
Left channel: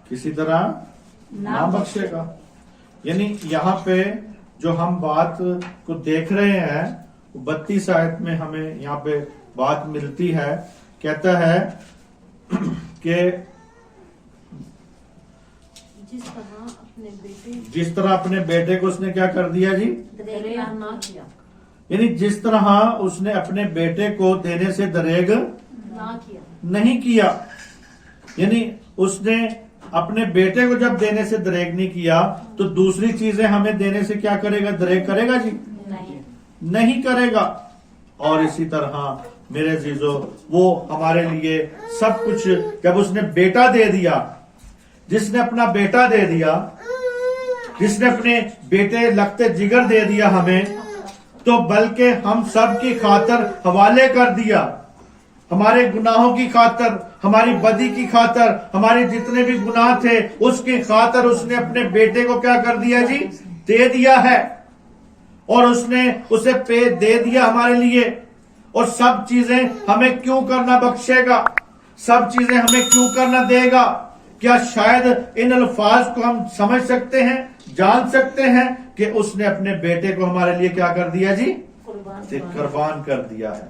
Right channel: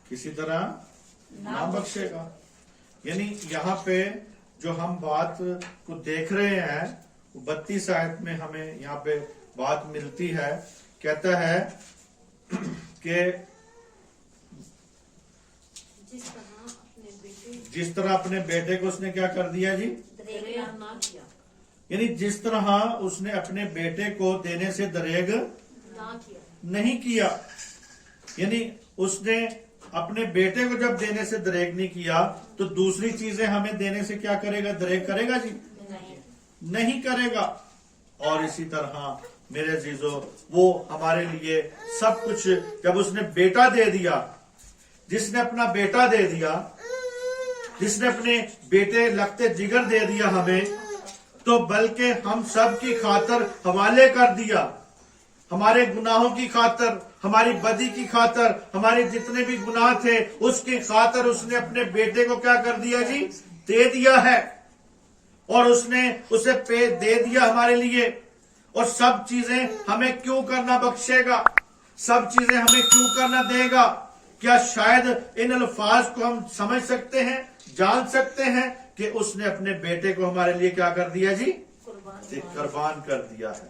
किसी तरह ना बख्शेगा। यानी यहाँ पे जो हम बात को देख रहे हैं 32 आयत में हमें यहाँ पे बात मिलती है। कहता है कि जिस तरह अपने बेटे को उसने क्या कर दिया जी? दरेग ना किया। یعنی جس طرح اس نے اپنے بیٹے کو دینے سے دریغ نہ کیا. نہیں کیا، یعنی اس نے اپنے بیٹے کو جب دینے سے دریغ نہیں کیا تو دوسری چیزیں ہمیں دینے سے کیا کرے گا؟ دریغ کرے گا جی؟ نہیں. نہیں کرے گا. اور اسی طرح میرے عزیزو وہ ہمارے لیے سب کچھ جب اس نے بیٹا دے دیا، جس نے اپنا بیٹا دے دیا، جس نے اپنے بیٹے لگتے جگر دے دیا ہمیں، تو بلکہ ہم سب کی خاطر حوالے کر دیا، ہمارے گناہوں کی خاطر، ہماری بدی کی خاطر، ہمارے جتنے بھی گناہ تھے اس کی خاطر اس نے اپنے بیٹے کو کیا کر دیا جی؟ دے دیا ہے. اور اس نے اسے دے دیا ہمارے لیے. اور سب چیزیں ہمیں کیوں کرنا بخشے گا؟ سب چیزیں ہمیں کیوں کرنا دے گا؟ کیا شاید ان الفاظ کو ہم سمجھ سکتے ہیں، جان سکتے ہیں کہ اس نے اپنے بیٹے کو ہمارے لیے کیا کر دیا جی؟ قربان کر دیا ہے.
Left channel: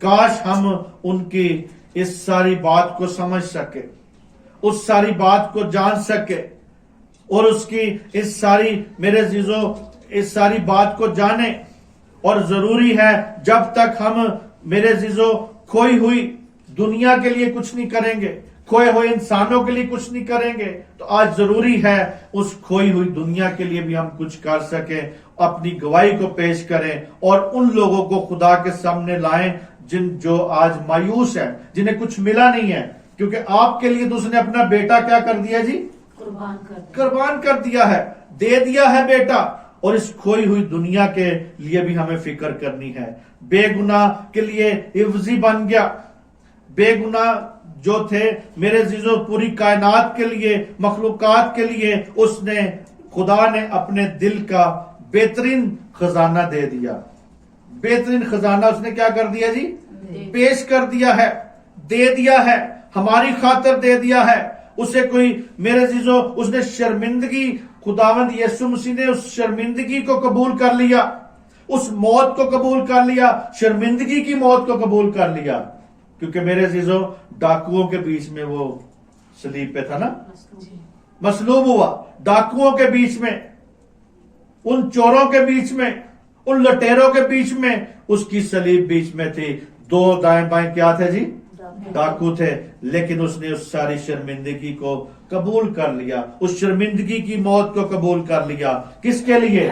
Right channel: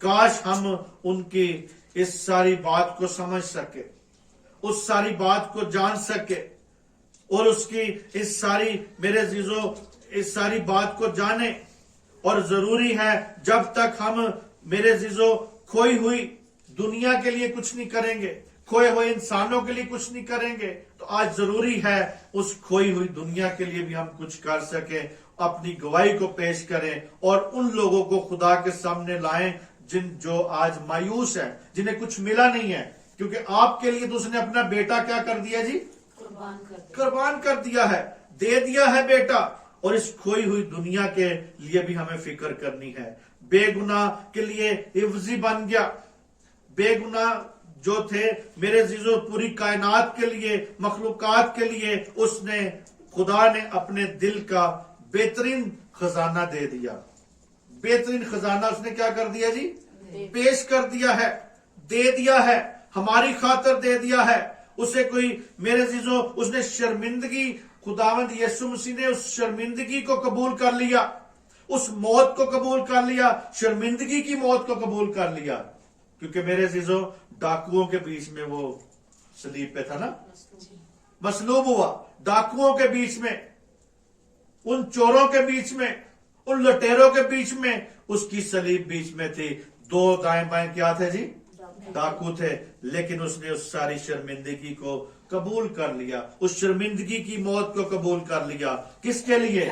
کاش ہم ان کی اس ساری بات کو سمجھ سکے، اس ساری بات کو جان سکے، اور اس کی اس ساری میرے عزیزو اس ساری بات کو جانے. اور ضروری ہے جب تک ہم میرے عزیزو کھوئی ہوئی دنیا کے لیے کچھ نہیں کریں گے، کھوئے ہوئے انسانوں کے لیے کچھ نہیں کریں گے، تو آج ضروری ہے اس کھوئی ہوئی دنیا کے لیے بھی ہم کچھ کر سکیں، اپنی گواہی کو پیش کریں اور ان لوگوں کو خدا کے سامنے لائیں جو آج مایوس ہیں، جنہیں کچھ ملا نہیں ہے. کیونکہ آپ کے لیے تو اس نے اپنا بیٹا کیا کر دیا جی؟ قربان کر دیا ہے، دے دیا ہے بیٹا. اور اس کھوئی ہوئی دنیا کے لیے بھی ہمیں فکر کرنی ہے. بے گناہ کے لیے عوضی بن گیا. بے گناہ جو تھے میرے عزیزو پوری کائنات کے لیے، مخلوقات کے لیے اس نے، خدا نے اپنے دل کا بہترین خزانہ دے دیا. بہترین خزانہ اس نے کیا کر دیا جی؟ پیش کر دیا ہے، دے دیا ہے، ہماری خاطر دے دیا ہے. اسے کوئی میرے عزیزو اس نے شرمندگی، خداوند یسوع مسیح نے اس شرمندگی کو قبول کر لیا، اس موت کو قبول کر لیا، شرمندگی کی موت کو قبول کر لیا. کیونکہ میرے عزیزو ڈاکوؤں کے بیچ میں وہ صلیب پہ تھا نا، مصلوب ہوا. ڈاکوؤں کے بیچ میں، ان چوروں کے بیچ میں، ان لٹیروں کے بیچ میں اس کی صلیب بیچ میں تھی. دو دائیں بائیں کیا تھے جی؟ ڈاکو تھے. لیکن اس نے اس ساری شرمندگی کو قبول کر لیا، اس شرمندگی کی موت کو قبول کر لیا. کس کے لیے؟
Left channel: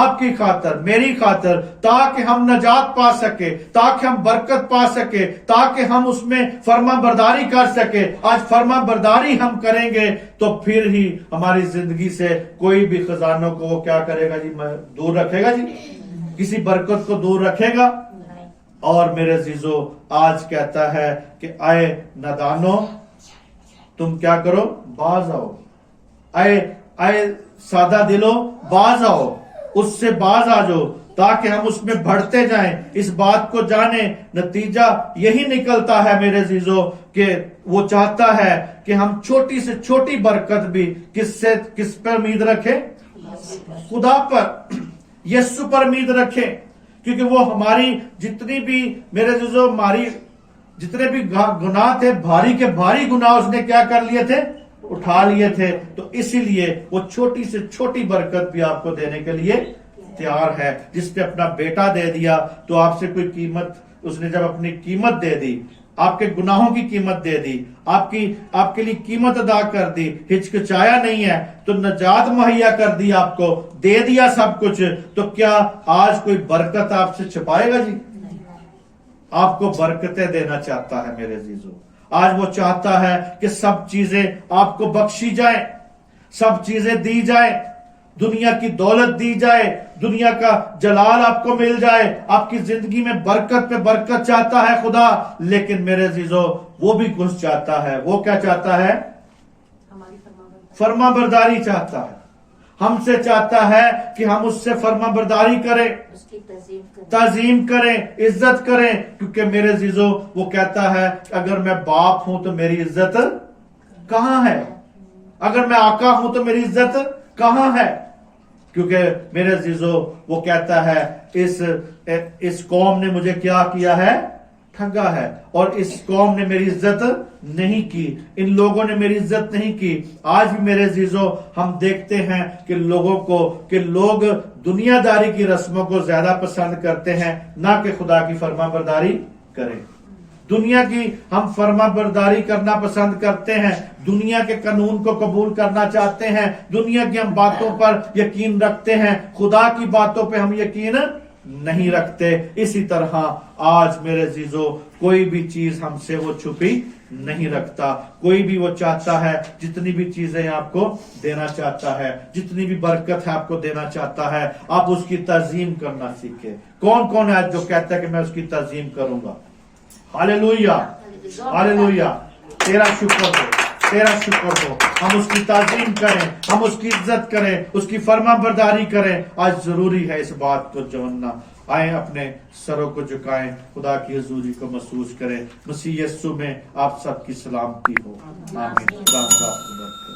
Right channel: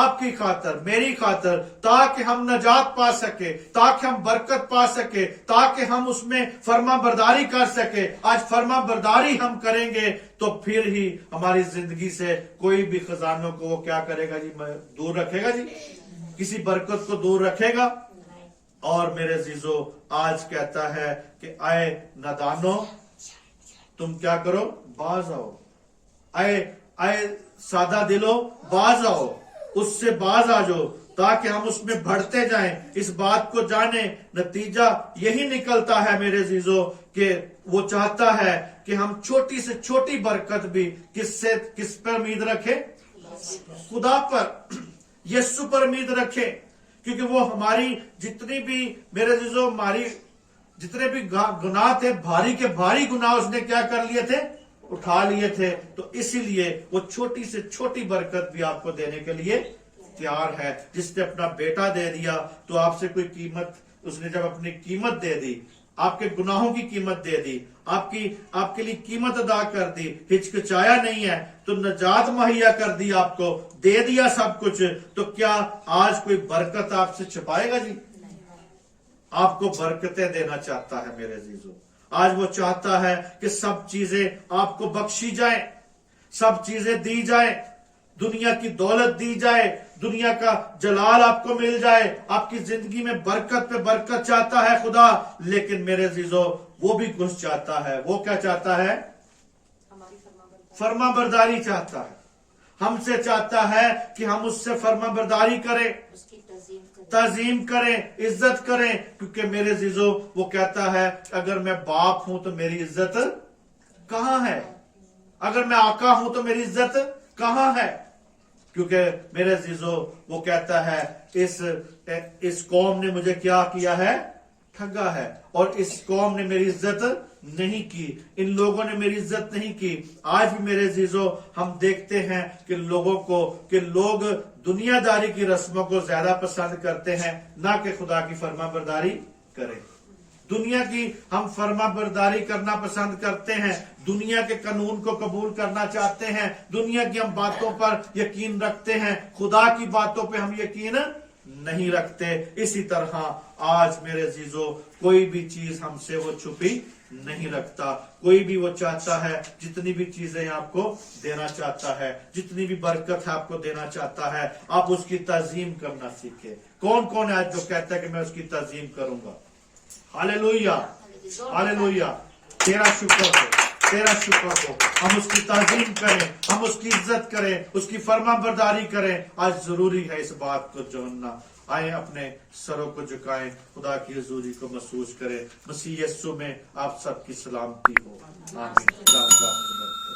آپ کی خاطر، میری خاطر، تاکہ ہم نجات پا سکے، تاکہ ہم برکت پا سکے، تاکہ ہم اس میں فرما برداری کر سکے. آج فرما برداری ہم کریں گے تو پھر ہی ہماری زندگی سے کوئی بھی خزانوں کو وہ کیا کرے گا جی؟ دور رکھے گا جی؟ کسی برکت کو دور رکھے گا؟ اور میرے عزیزو آج کہتا ہے کہ آئے نادانو تم کیا کرو؟ باز آؤ. آئے سادہ دلو باز آؤ، اس سے باز آ جاؤ تاکہ ہم اس میں بڑھتے جائیں، اس بات کو جانیں. نتیجہ یہی نکلتا ہے میرے عزیزو کہ وہ چاہتا ہے کہ ہم چھوٹی سے چھوٹی برکت بھی کس پر امید رکھیں؟ خدا پر، یسوع پر امید رکھیں. کیونکہ وہ ہماری جتنی بھی میرے عزیزو ہماری جتنے بھی گناہ تھے، بھاری کے بھاری گناہ اس نے کیا کر لیے تھے؟ اٹھا لیے تھے. تو اسی لیے وہ چھوٹی سے چھوٹی برکت بھی آپ کو دینے کے لیے تیار ہے. جس نے اپنا بیٹا دے دیا تو آپ سے کوئی قیمت، اس نے جب اپنی قیمت دے دی، آپ کے گناہوں کی قیمت دے دی، آپ کے لیے قیمت ادا کر دی، ہچکچایا نہیں ہے، تو نجات مہیا کر دی، آپ کو دے دیا سب کچھ. تو کیا آج کوئی برکت آپ سے چھپائے گا جی؟ آپ کو برکتیں دینا چاہتا ہے میرے عزیزو. آج وہ چاہتا ہے کہ سب چیزیں آپ کو بخشی جائیں، سب چیزیں دی جائیں، دنیا کی دولت دی جائے، دنیا کا جلال آپ کو مل جائے، آپ کی زندگی میں برکت پہ برکت چاہتا ہے خدا. لیکن میرے عزیزو وہ بھی کچھ چاہتا ہے. وہ کیا چاہتا ہے؟ فرما برداری چاہتا ہے. ہم سے چاہتا ہے کہ ہم اس سے فرما برداری کریں، اس کی تعظیم کریں، عزت کریں. کیونکہ میرے عزیزو وہ کہتا ہے اگر میں باپ ہوں تو میری عزت کہاں ہے؟ اگر میں آقا ہوں تو میری عزت کہاں ہے؟ کیونکہ میرے عزیزو وہ کہتا ہے اس قوم نے مجھے کیا کیا ہے؟ ठगा है और इस कौम ने मेरी इज्जत नहीं की, इन लोगों ने मेरी इज्जत नहीं की। आज भी मेरे अजीजों हम देखते हैं कि लोग दुनियादारी की रस्मों को ज्यादा पसंद करते हैं ना कि खुदा की फरमाबरदारी करें। दुनिया की हम फरमाबरदारी करना पसंद करते हैं, दुनिया के कानून को कबूल करना चाहते हैं, दुनिया की हम बातों पर यकीन रखते हैं, खुदा की बातों पे हम यकीन नहीं रखते। इसी तरह आज मेरे अजीजों कोई भी चीज हमसे वो छुपी नहीं रखता। कोई भी वो चाहता है, जितनी भी चीजें आपको देना चाहता है, जितनी भी बरकत है आपको देना चाहता है, आप उसकी तज़ीम करना सीखे। कौन कौन है आज जो कहता है कि मैं उसकी तज़ीम करूंगा? Hallelujah, hallelujah. तेरा शुक्र हो, तेरा शुक्र हो। हम उसकी ताज़ीम करें, हम उसकी इज्जत करें, उसकी फरमाबरदारी करें। आज जरूरी है इस बात को जानना। आए अपने सरों को झुकाएं, खुदा की हुजूरी को महसूस करें। मसीह यीशु में आप सबकी सलामती हो। आमीन। खुदा आपको बरकत।